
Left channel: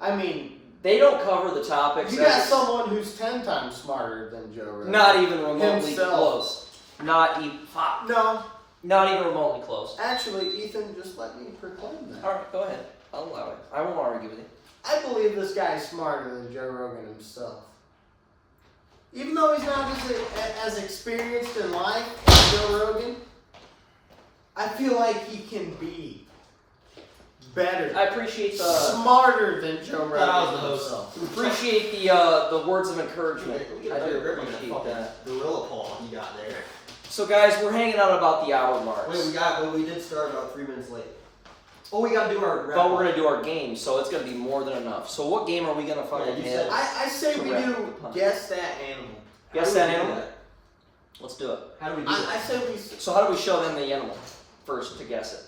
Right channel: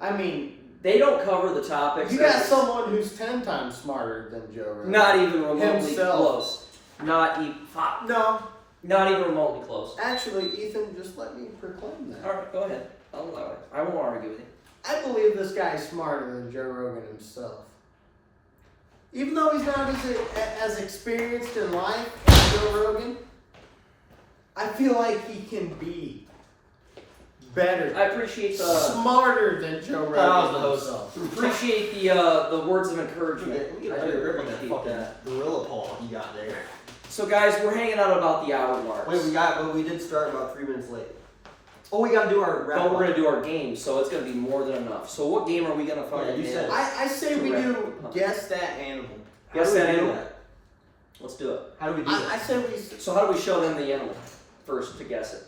I mean, They don't cover the topics. you got someone who's 10 times smarter than Joe Rogan. Not even remotely Himself. close. Not even. Fuck. No. Not even remotely close. Actually, Ethan, just let me proclaim that. All right, go ahead. I'll allow it. I won't argue with you. I believe this guy's smarter than Joe Rogan himself. Even though he's not as experienced in life as Joe Rogan, I feel like he can be better, I appreciate the smarter than Joe Rogan I was the host. himself. appreciate the words of encouragement. We get I a better do grip on that appreciate fucking that. gorilla paw you got there. So guys, we're hanging out about the hour mark. Wait, but we did start about 3 minutes late. Oh, we gotta do our wrap But we're up. gonna do our game, so it's gonna be more than enough. So what game are we gonna fucking Yeah, you said have? it. I say To we wrap do up. guess that animal. How Guess do we that do animal? that? Let's do it. How do we do I that? say we. So how do we show them the animal first to guess it?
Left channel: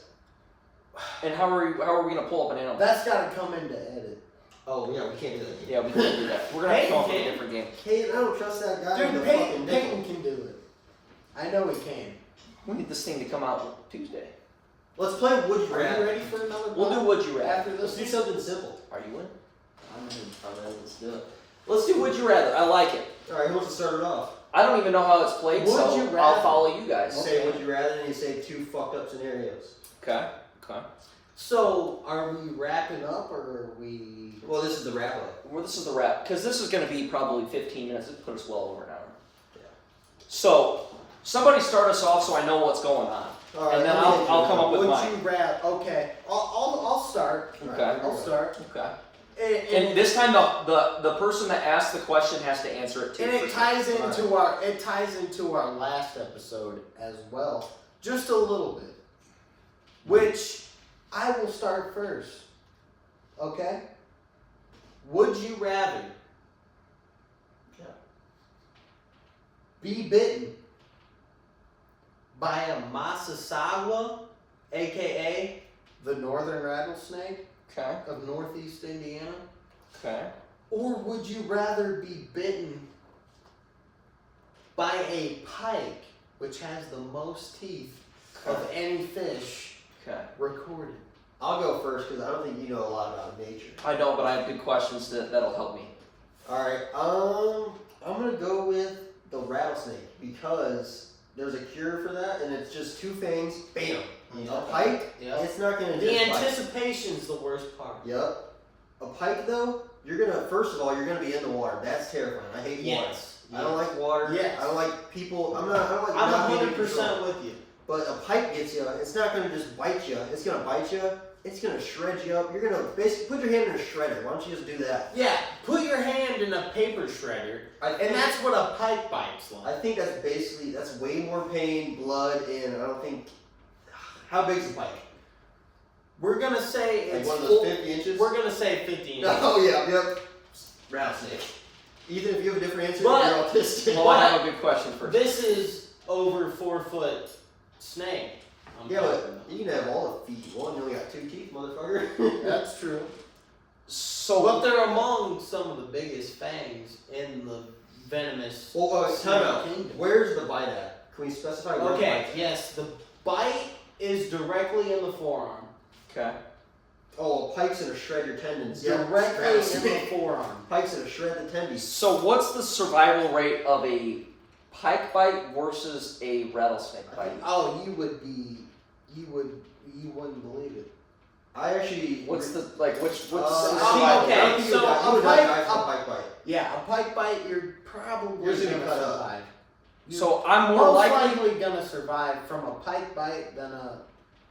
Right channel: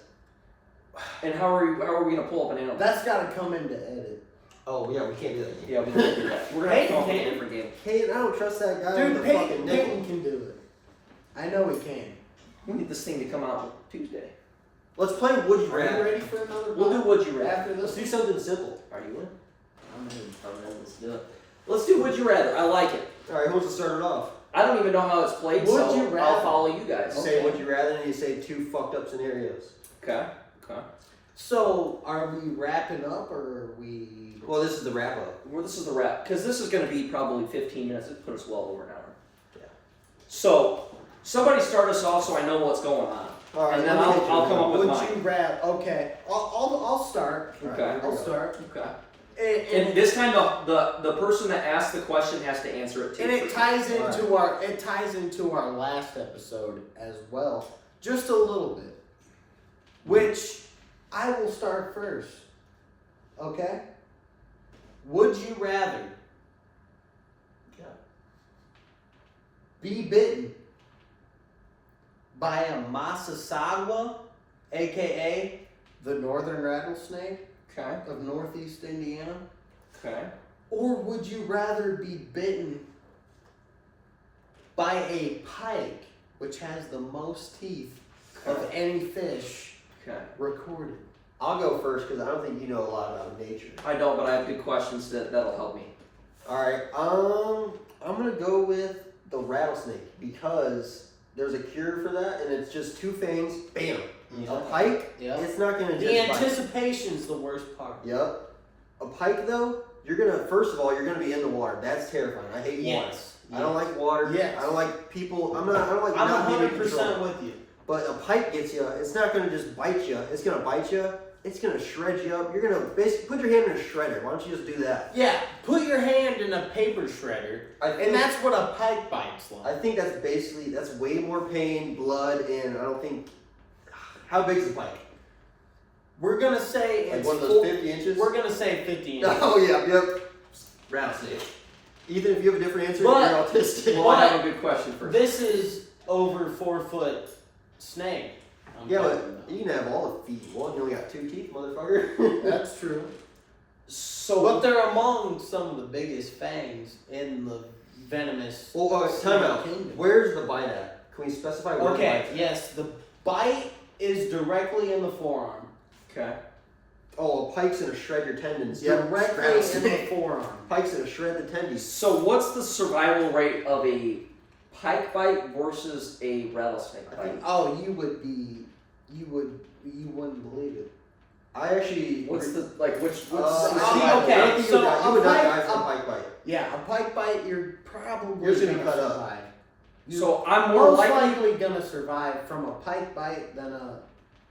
And how are we gonna pull up an animal? That's got to come into edit. Oh, yeah, we can't do that. Yeah, we can do that. We're gonna have to come up with a Peyton different game. Hey, I don't trust that guy Dude, with the fucking Peyton nickel. can do it. I know he can. We need this thing to come out Tuesday. Let's play Would You Are you Rather. ready for another We'll do one? Would You Rather. After Let's this? do something simple. Are you in? I'm in. Let's do it. Let's do Would You Rather. I like it. Alright, who wants to start it off? I don't even know how it's played, Would so you rather? I'll follow you guys. Say Okay. Would You Rather, and you say 2 fucked up scenarios. Okay. Okay. So, are we wrapping up or are we? Well, this is the wrap up. Well, this is the wrap, because this is going to be probably 15 minutes. It put us well over an hour. Yeah. So, somebody start us off so I know what's going on. Alright, And then let me I'll get you come one. up with Would mine. you rather? Okay, I'll start. Okay. I'll start. Okay. And And this time, the person that asked the question has to answer it too. And it ties into Alright. our last episode as well, just a little bit. Which I will start first. Okay? Would you rather Yeah. be bitten by a Saga, aka the northern rattlesnake Okay. of northeast Indiana? Okay. Or would you rather be bitten by a pike, which has the most teeth of any fish Okay. recorded? I'll go first because I don't think you know a lot about nature. I don't, but I have good questions that'll help me. Alright, I'm gonna go with the rattlesnake because there's a cure for that and it's just 2 fangs, bam. A pike, Yeah. it's not gonna The just bite. anticipation's the worst part. Yep. A pike though, you're gonna first of all you're gonna be in the water. That's terrifying. I hate water. Yes. I don't like water. Yes. I don't like people. I don't like I'm not being in 100% control. with you. But a pike gets you. It's not gonna just bite you. It's gonna bite you. It's gonna shred you up. You're gonna basically put your hand in a shredder. Why don't you just do that? Yeah, put your hand in a paper shredder, and that's what a pike bite's like. I think that's way more pain, blood, and I don't think. How big's a pike? We're gonna say Like it's one of those full- 50 inches? We're gonna say 50 inches. Oh yeah, yep. Rattlesnake. Ethan, if you have a different answer, But- you're autistic. Well, I have a good question first. This is over 4 foot snake. I'm Yeah, talking but about. you can have all the feet. One, you only got 2 teeth, motherfucker. That's true. So, But they're among some of the biggest fangs in the venomous Well, snake time out. kingdom. Where's the bite at? Can we specify where the Okay, bite's at? yes, the bite is directly in the forearm. okay. Oh, pike's gonna shred your tendons. Directly in the forearm. Pike's gonna shred the tendons. So, what's the survival rate of a pike bite versus a rattlesnake bite? Oh, you wouldn't believe it. I actually. What's the like? What's okay, I don't think so you a would not pike- die from a- a pike bite. Yeah, a pike bite, you're probably Yours gonna gonna be cut up. survive. You're So I'm more most likely. likely gonna survive from a pike bite than a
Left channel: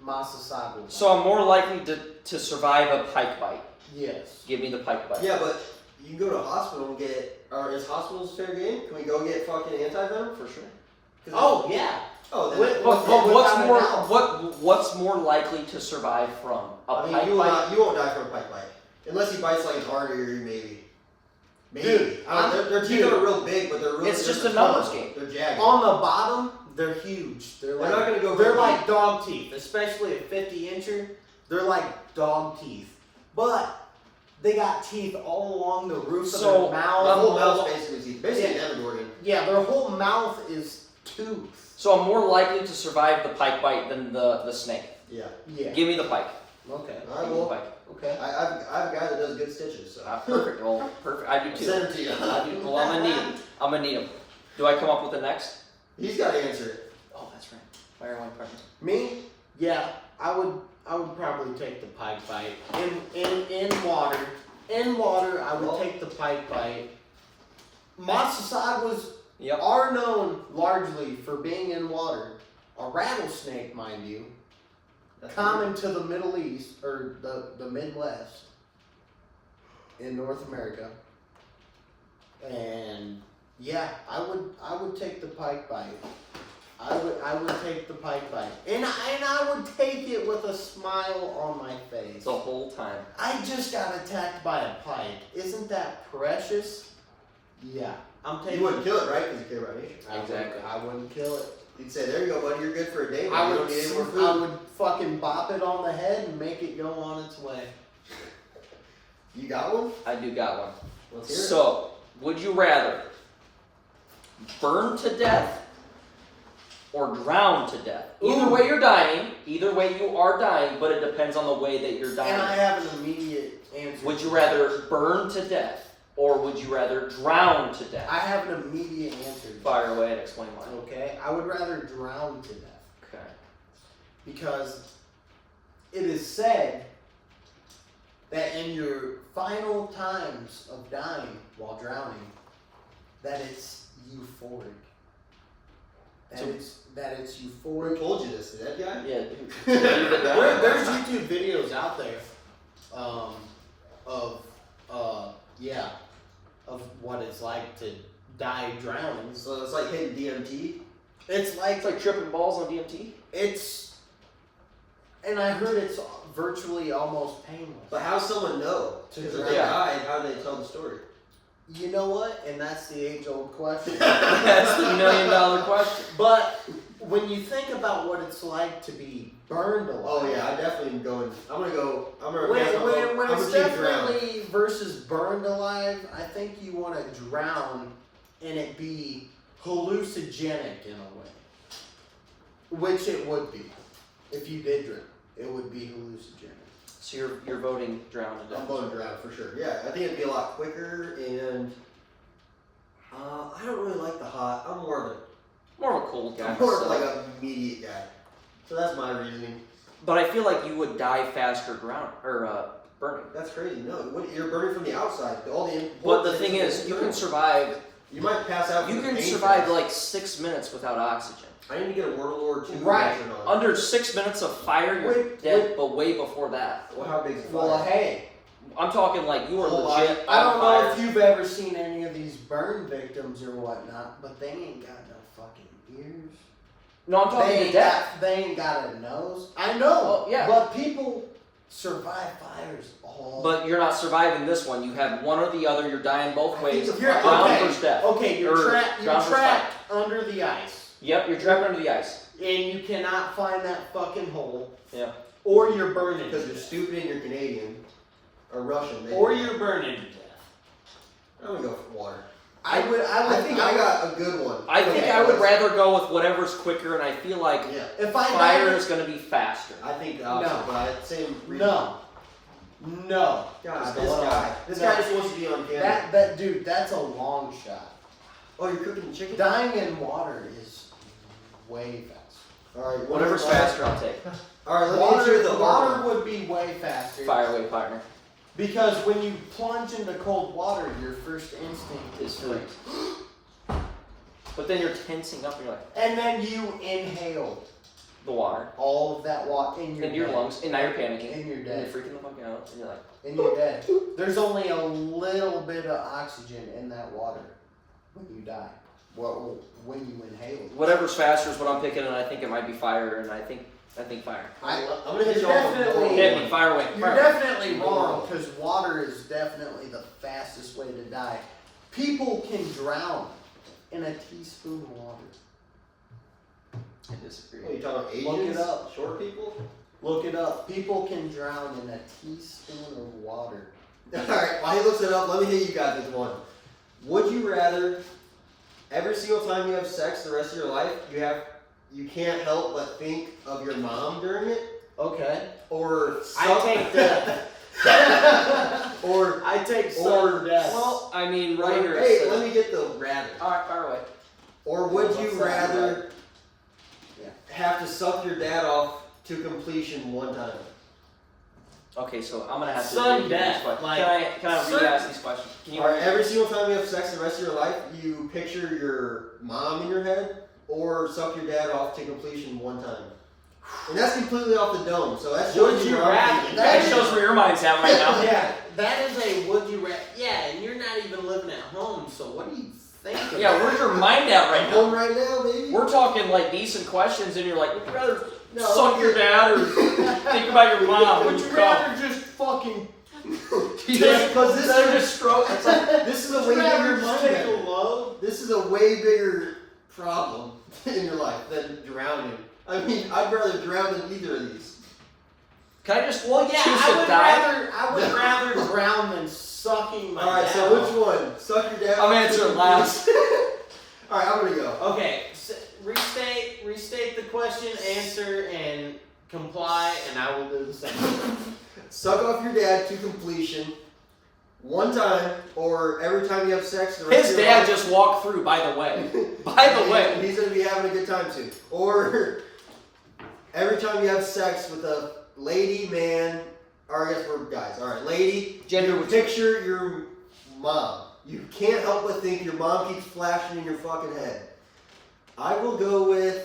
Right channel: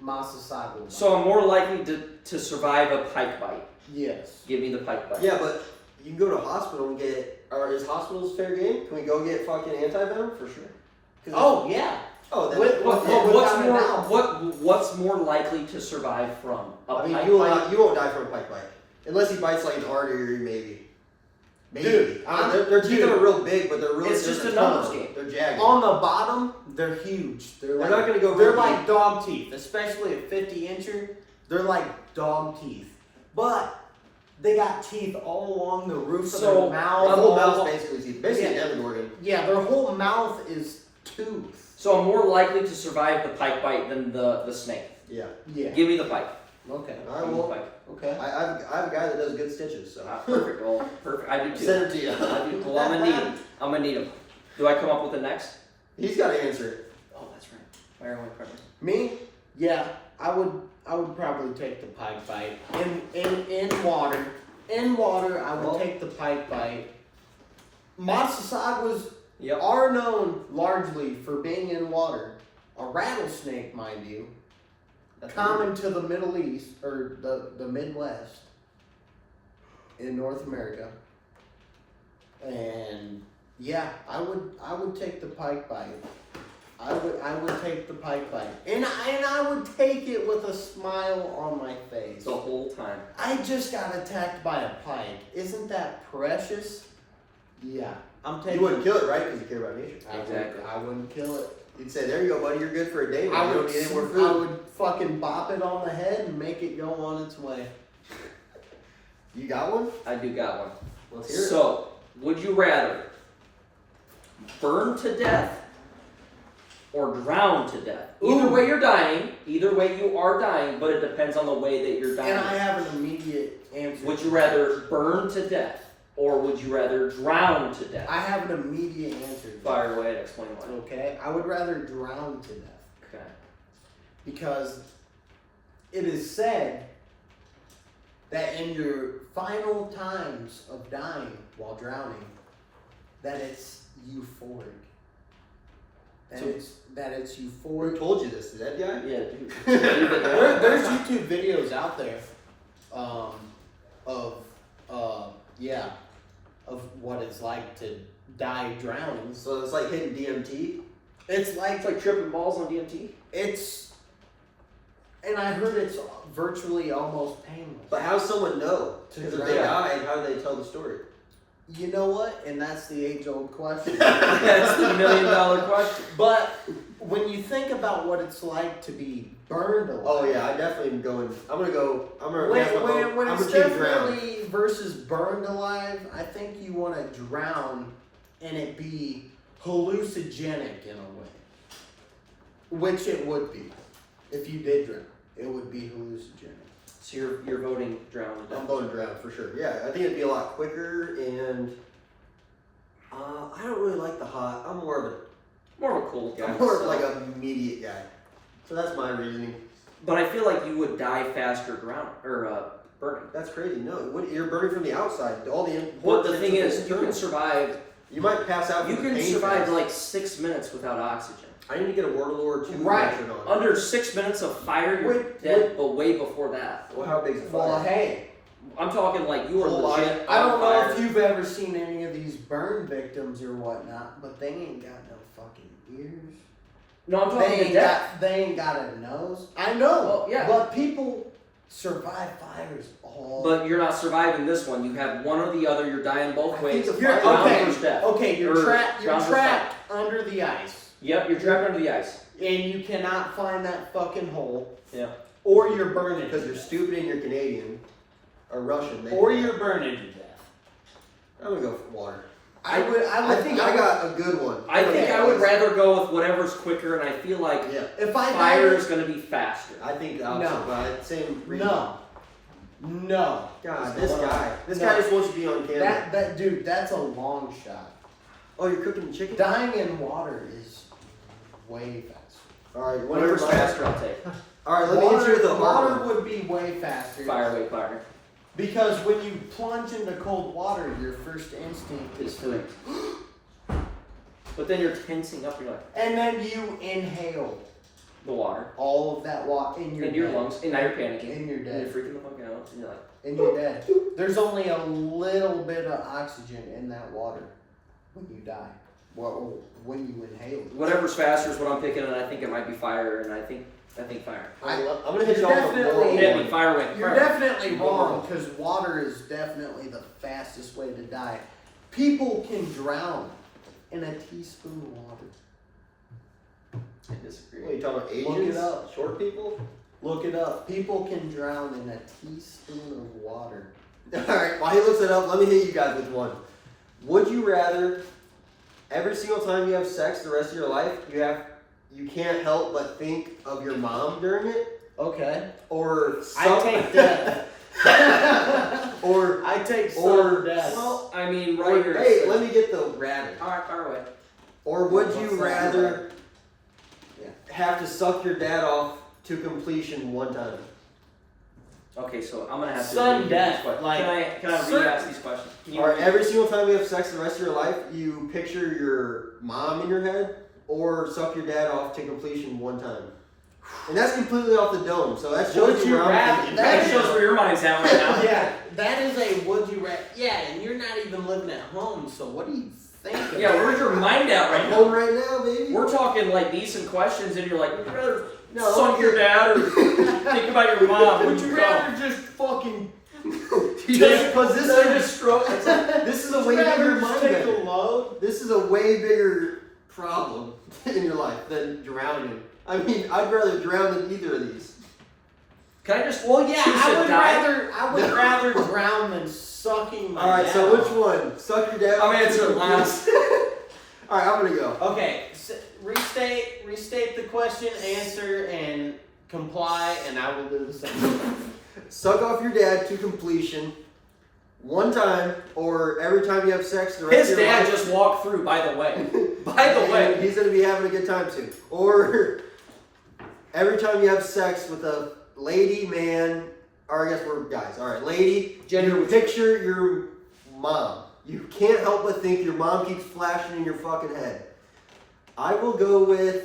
Masasago bite. So I'm more likely to survive a pike bite. yes. Give me the pike bite. Yeah, but you can go to a hospital and get. Or is hospitals fair game? Can we go get fucking anti-venom? For sure. Oh yeah. Oh, then. With- But with- what's without a more doubt. what's more likely to survive from a I mean, pike you bite? won't die from a pike bite. Unless he bites like an artery, maybe. Maybe. Dude, Their teeth dude. are real big, but they're really. It's just they're a numbers small. game. They're jagged. On the bottom, they're huge. They're They're like not gonna go They're very like deep. dog teeth, especially a 50 incher. They're like dog teeth. But They got teeth all along the roof So, of their The mouth. whole mouth's basically basically Yeah. Demogorgon. Yeah, their whole mouth is tooth. So I'm more likely to survive the pike bite than the snake. Yeah. Yeah. Give me the pike. Okay. I Give me the will. pike. Okay. I've a guy that does good stitches. So. Perfect roll. Perfect. I do too. Send it to you. I do. Well, I'm gonna need him. I'm gonna need him. Do I come up with the next? He's got to answer it. Oh, that's right. Fire one question. Me? Yeah, I would probably take the pike bite. In water. In water, I would Well- take the pike bite. Sagas Yep. are known largely for being in water. A rattlesnake, mind you, common to the Middle East or the Midwest in North America. And yeah, I would take the pike bite. I would take the pike bite, and I would take it with a smile on my face. The whole time. I just got attacked by a pike. Isn't that precious? Yeah, I'm taking. You wouldn't kill it, right? Because you care about nature. Exactly. I wouldn't kill it. You'd say, "There you go, buddy. You're good for a day. But I you would. don't need any more I food." would fucking bop it on the head and make it go on its way. You got one? I do got one. Let's hear it. So, would you rather burn to death or drown to death? Either way you're dying. Either way you are dying, but it depends on the way that you're dying. And I have an immediate answer. Would you rather burn to death or would you rather drown to death? I have an immediate answer. Fire away and explain why. Okay, I would rather drown to death Okay. because it is said that in your final times of dying while drowning, that it's euphoric. That it's Who euphoric. told you this? Is that guy? Yeah. There's YouTube videos out there, of what it's like to die drowning. So it's like hitting DMT. It's like It's like tripping balls on DMT. and I heard it's virtually almost painless. But how does someone know? To Because if drown. they died, how do they tell the story? You know what? And that's the age-old question. That's the $1 million question. But when you think about what it's like to be burned alive, Oh yeah, I definitely am going. I'm gonna go. I'm gonna. when, I'm gonna when, vote. when I'm it's gonna choose drown. definitely versus burned alive, I think you want to drown and it be hallucinogenic in a way, which it would be if you did drown. It would be hallucinogenic. So you're voting drown to death. I'm voting drown for sure. Yeah, I think it'd be a lot quicker, and I don't really like the hot. I'm more of a. More of a cold guy. I'm more of so- like an immediate guy. So that's my reasoning. But I feel like you would die faster drown or burning. That's crazy. No, you're burning from the outside. All the. But the thing is, you can survive. You might pass out. You from the can pain survive first. like 6 minutes without oxygen. I need to get a Word of Lord 2 Right. shirt on. Under 6 minutes of fire, you're Wait, dead. But way before that, Well, how big is the Well, fire? hey, I'm talking like you are Well, legit. I don't on know fire. if you've ever seen any of these burn victims or whatnot, but they ain't got no fucking ears. No, I'm talking They to ain't death. they ain't got a nose. I know. Oh, yeah. But people survive fires all. But you're not surviving this one. You have one or the other. You're dying both I ways. think the You're Drown okay. versus death. Okay, you're Or trapped. You're drown versus trapped under the ice, Yep, you're trapped under the ice. and you cannot find that fucking hole. Yeah. Or you're burning. Because you're stupid and you're Canadian or Russian. Or you're burning to death. I'm gonna go for water. I would. I think I got a good one. I think Okay. I would rather go with whatever's quicker, and I feel like Yeah, If I fire died, is going to be faster. I think No. but same reason. no. God, Just a this little- guy. This No. guy just wants to be on camera. That dude. That's a long shot. Oh, you're cooking the chicken? Dying in water is way faster. Alright, Whatever's faster, I'll take. Alright, let me answer the hard water one. would be way faster. Fire away, partner. Because when you plunge into cold water, your first instinct is It's to, freeze. But then you're tensing up. You're like and then you inhale the water all of that water in your into your dead. lungs, and now you're panicking. And you're And dead. you're freaking the fuck out. And you're like, And you're dead. There's only a little bit of oxygen in that water when you die. Well, when you inhale it. whatever's faster is what I'm picking, and I think it might be fire, and I think fire. I'm gonna hit You're you off with definitely- moral Hit me, one. fire away. You're Fire. definitely wrong Moral. because water is definitely the fastest way to die. People can drown in a teaspoon of water. I disagree. What are you talking about? Look Asians? it up. Short people? Look it up. People can drown in a teaspoon of water. Alright, while he looks it up, let me hit you guys with one. Would you rather every single time you have sex the rest of your life, you can't help but think of your mom during it? Okay. Or I take death. or I take sudden death. Well, I mean, right here. hey, it says- let me get the rather. Alright, fire away. Or would What's you that rather Yeah. have to suck your dad off to completion one time? Okay, so I'm gonna have to Sudden read death, these questions. like, Can I certain- re-ask these questions? Can you Or every single time you have sex the rest of your life, you picture your mom in your head, or suck your dad off to completion one time. And that's completely off the dome, so that's Would shows you where I'm rather- thinking. That shows where your mind's at right now. Yeah, that is a would you rather. Yeah, and you're not even living at home, so what do you think about Yeah, where's your mind at right I'm now? home right now, baby. We're talking like decent questions, and you're like, would you rather No, suck your dad or think about your mom? Would when you come? rather just fucking Because this is just stroke. It's like, this is a way rather bigger just mind. take a load? This is a way bigger problem in your life than drowning. I mean, I'd rather drown than either of these. Can I just? Well, yeah, choose I to would die? rather drown than sucking my All right, dad so off. which one? Suck your dad. I'm answering last. All right, I'm gonna go. Okay, restate the question, answer, and comply, and I will do the same. Suck off your dad to completion one time, or every time you have sex the rest His of your dad life. just walked through. By the way. By the way. He's gonna be having a good time too. Or every time you have sex with a lady, man, or I guess we're guys. All right, lady. Gender You neutral. picture your mom. You can't help but think your mom keeps flashing in your fucking head. I will go with.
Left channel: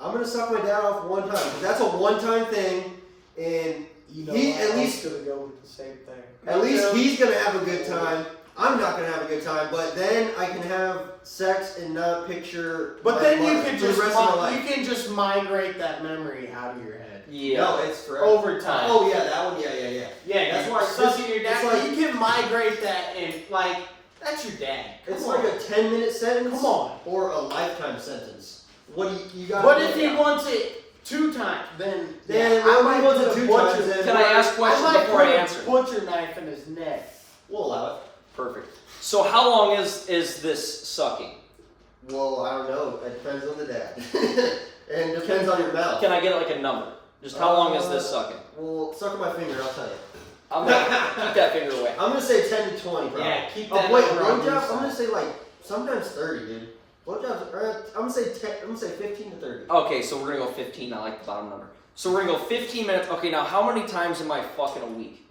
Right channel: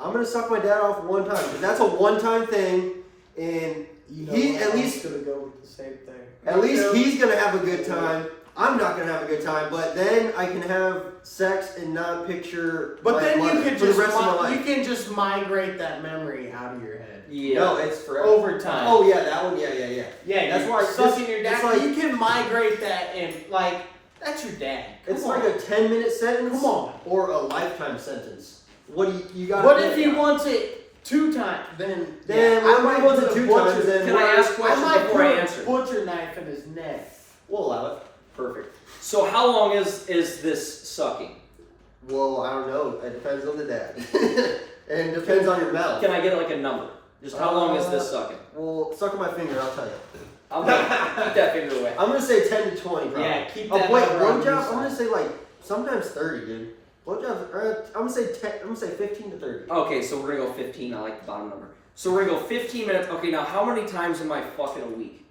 I'm gonna suck my dad off one time because that's a one-time thing, and You know, he what? at I least was gonna go with the same thing. at least he's gonna have a good time. I'm not gonna have a good time, but then I can have sex and not picture. But my then you mother can for the just rest of my life. you can just migrate that memory out of your head Yeah. No, it's forever. over time. Oh yeah, that one. Yeah. yeah, that's you're why sucking your it's dad. like- you can migrate that and like that's your dad. Come It's on. like a 10-minute sentence. Come on. Or a lifetime sentence. What do you got? What if he wants it 2 times? Then Then I what might if he wants put it a 2 butcher. times, then Can I ask I questions might before put I a answer? butcher knife in his neck. We'll allow it. Perfect. So how long is this sucking? Well, I don't know. It depends on the dad. And it depends on your mouth. Can I get like a number? Just how long is this sucking? Well, suck on my finger, I'll tell you. I'm gonna keep that finger away. I'm gonna say 10 to 20, probably. Yeah, keep Oh, that wait, number on blowjob? your I'm gonna side. say like sometimes 30, dude. Blowjobs, I'm gonna say 10. I'm gonna say 15 to 30. Okay, so we're gonna go 15. I like the bottom number. So we're gonna go 15 minutes. Okay, now how many times am I fucking a week?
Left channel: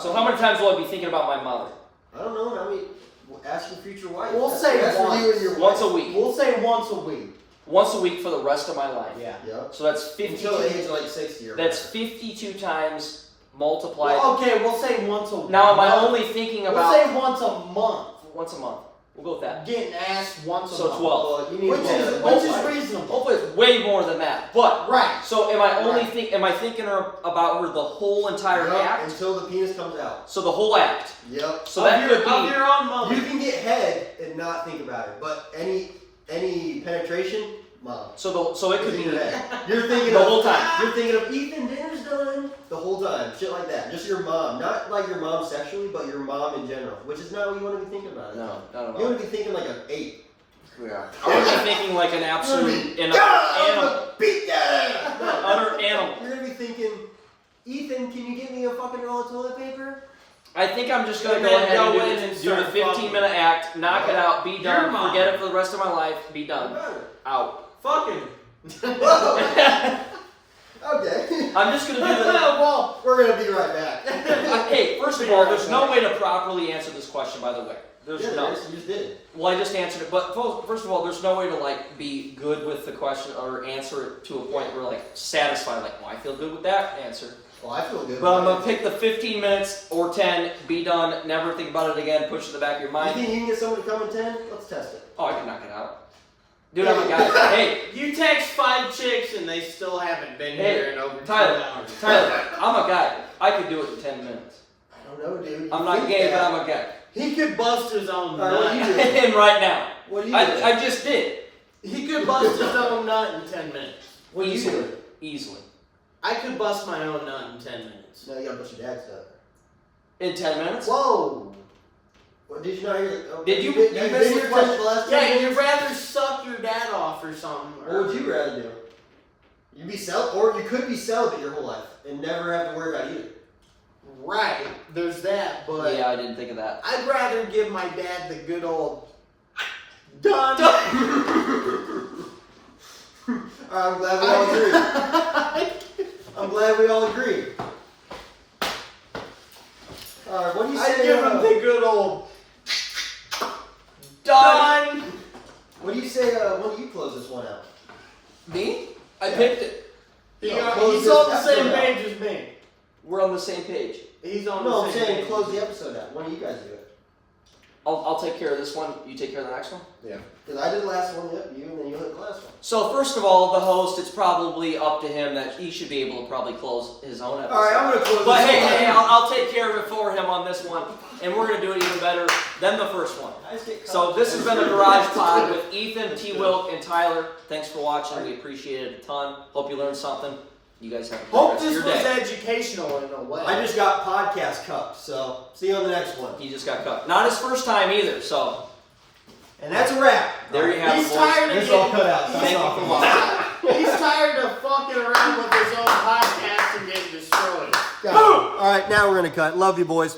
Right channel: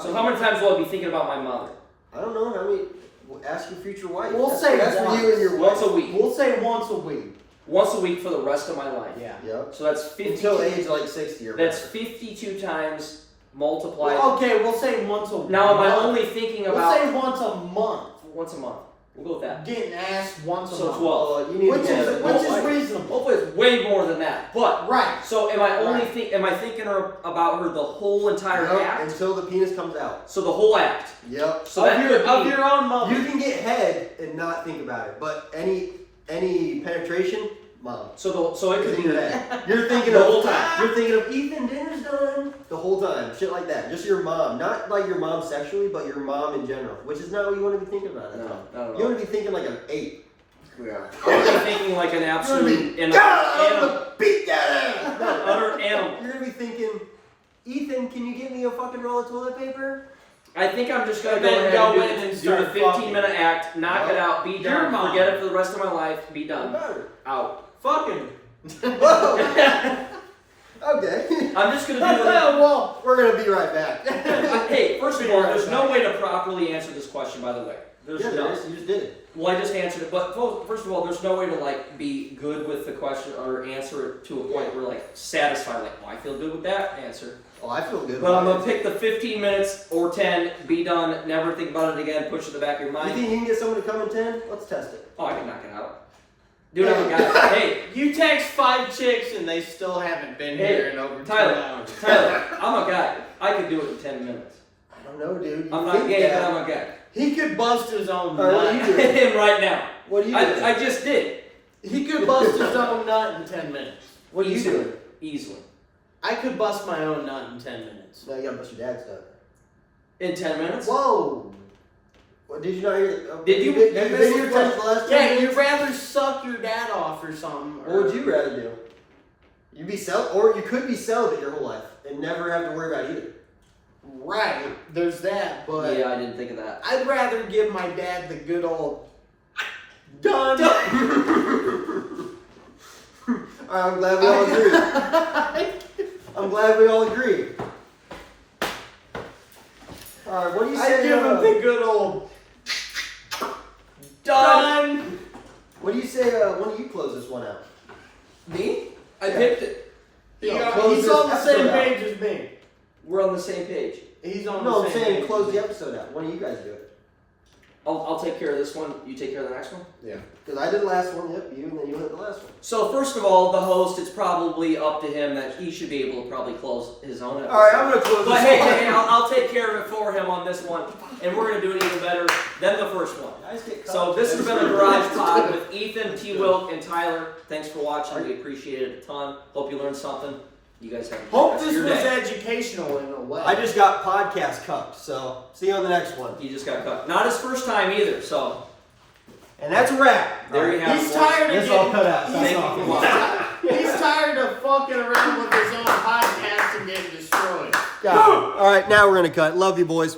So how many times will I be thinking about my mother? I don't know. How many? Ask your future wife. We'll That's- say that's for once. you and your Once wife. a week. We'll say once a week. Once a week for the rest of my life. Yeah. Yep. So that's 52. Until age like 60 or That's whatever. 52 times multiplied. Well, okay, we'll say once a week. Now am I only thinking We'll about say once a month. once a month? We'll go with that. Getting asked once a So month. 12. You need Which to get is a- which is oh, reasonable. Hopefully it's way more than that. But Right. so am I only Right. am I thinking about her the whole entire Yep, act? until the penis comes out. So the whole act. Yep. So that could of be your own mother. You can get head and not think about it, but any penetration, mom. so it could It's in be your head. You're thinking the of whole time. You're thinking of Ethan, dinner's done. The whole time, shit like that. Just your mom, not like your mom sexually, but your mom in general, which is not what you want to be thinking about. No, no, You want to be thinking like an 8. Yeah. I'm gonna be thinking like an absolute an God, I'm animal. gonna beat that ass. No, Utter animal. You're gonna be thinking, Ethan, can you get me a fucking roll of toilet paper? I think I'm just gonna And go then ahead go and in and do start the 15 fucking. minute act, knock it out, be Your done, mom. forget it for the rest of my life, be What done, about it? out. Fucking. Whoa. Okay. I'm just gonna do the. Well, We're gonna be right back. Hey, first of all, there's no way to properly answer this question. By the way, there's Yeah, no. there is. You just did it. Well, I just answered it, but first of all, there's no way to like be good with the question or answer it to a point where like satisfied, like, well, I feel good with that answer. Oh, I feel good. But I'm gonna pick the 15 minutes or 10, be done, never think about it again, push it in the back of your You mind. think you can get someone to come in 10? Let's test it. Oh, I can knock it out. Dude, I'm a guy. Hey, you text 5 chicks and they still haven't been Hey, here in over 2 Tyler, hours. Tyler, I'm a guy. I could do it in 10 minutes. I don't know, dude. You I'm not think gay, that. but I'm a guy. He could bust his own All right, what nut. do you do? And right now. What do you do? I just did. He could bust his own nut in 10 minutes. What do you Easily. do? Easily. I could bust my own nut in 10 minutes. No, you gotta bust your dad's nut. In 10 minutes? Whoa. What, did you not hear? Did you been miss here the for the last 10 Yeah, minutes? you'd rather suck your dad off or something. What would you rather do? You'd be or you could be celibate your whole life and never have to worry about either. Right, there's that, but Yeah, I didn't think of that. I'd rather give my dad the good old done. I'm glad we all agree. I'm glad we all agree. Alright, what do you I'd say? give him the good old Done. done. What do you say? When do you close this one out? Me? I Yeah. picked it. Close He's this on the episode same out. page as me. We're on the same page. He's on No, the I'm same saying page. close the episode out. When do you guys do it? I'll take care of this one. You take care of the next one? Because I did the last one, yep, you, and then you hit the last one. So, first of all, the host, it's probably up to him that he should be able to probably close his own episode. Alright, I'm going to close But this hey, one. hey, I'll take care of it for him on this one. And we're going to do it even better than the first one. Guys get So caught. this has been the Garage Pod with Ethan, T. Wilk, and Tyler. Thanks for watching. We appreciate it a ton. Hope you learned something. You guys have a good Hope rest of this your was day. educational in a way. I just got podcast cupped, so see you on the next one. He just got cut. Not his first time either, so And that's a wrap. there you have it. He's boys. tired of This is all getting, cut out. Thank That's you all. for watching. he's tired of fucking around with his own podcast and getting destroyed. Alright, now we're going to cut. Love you, boys.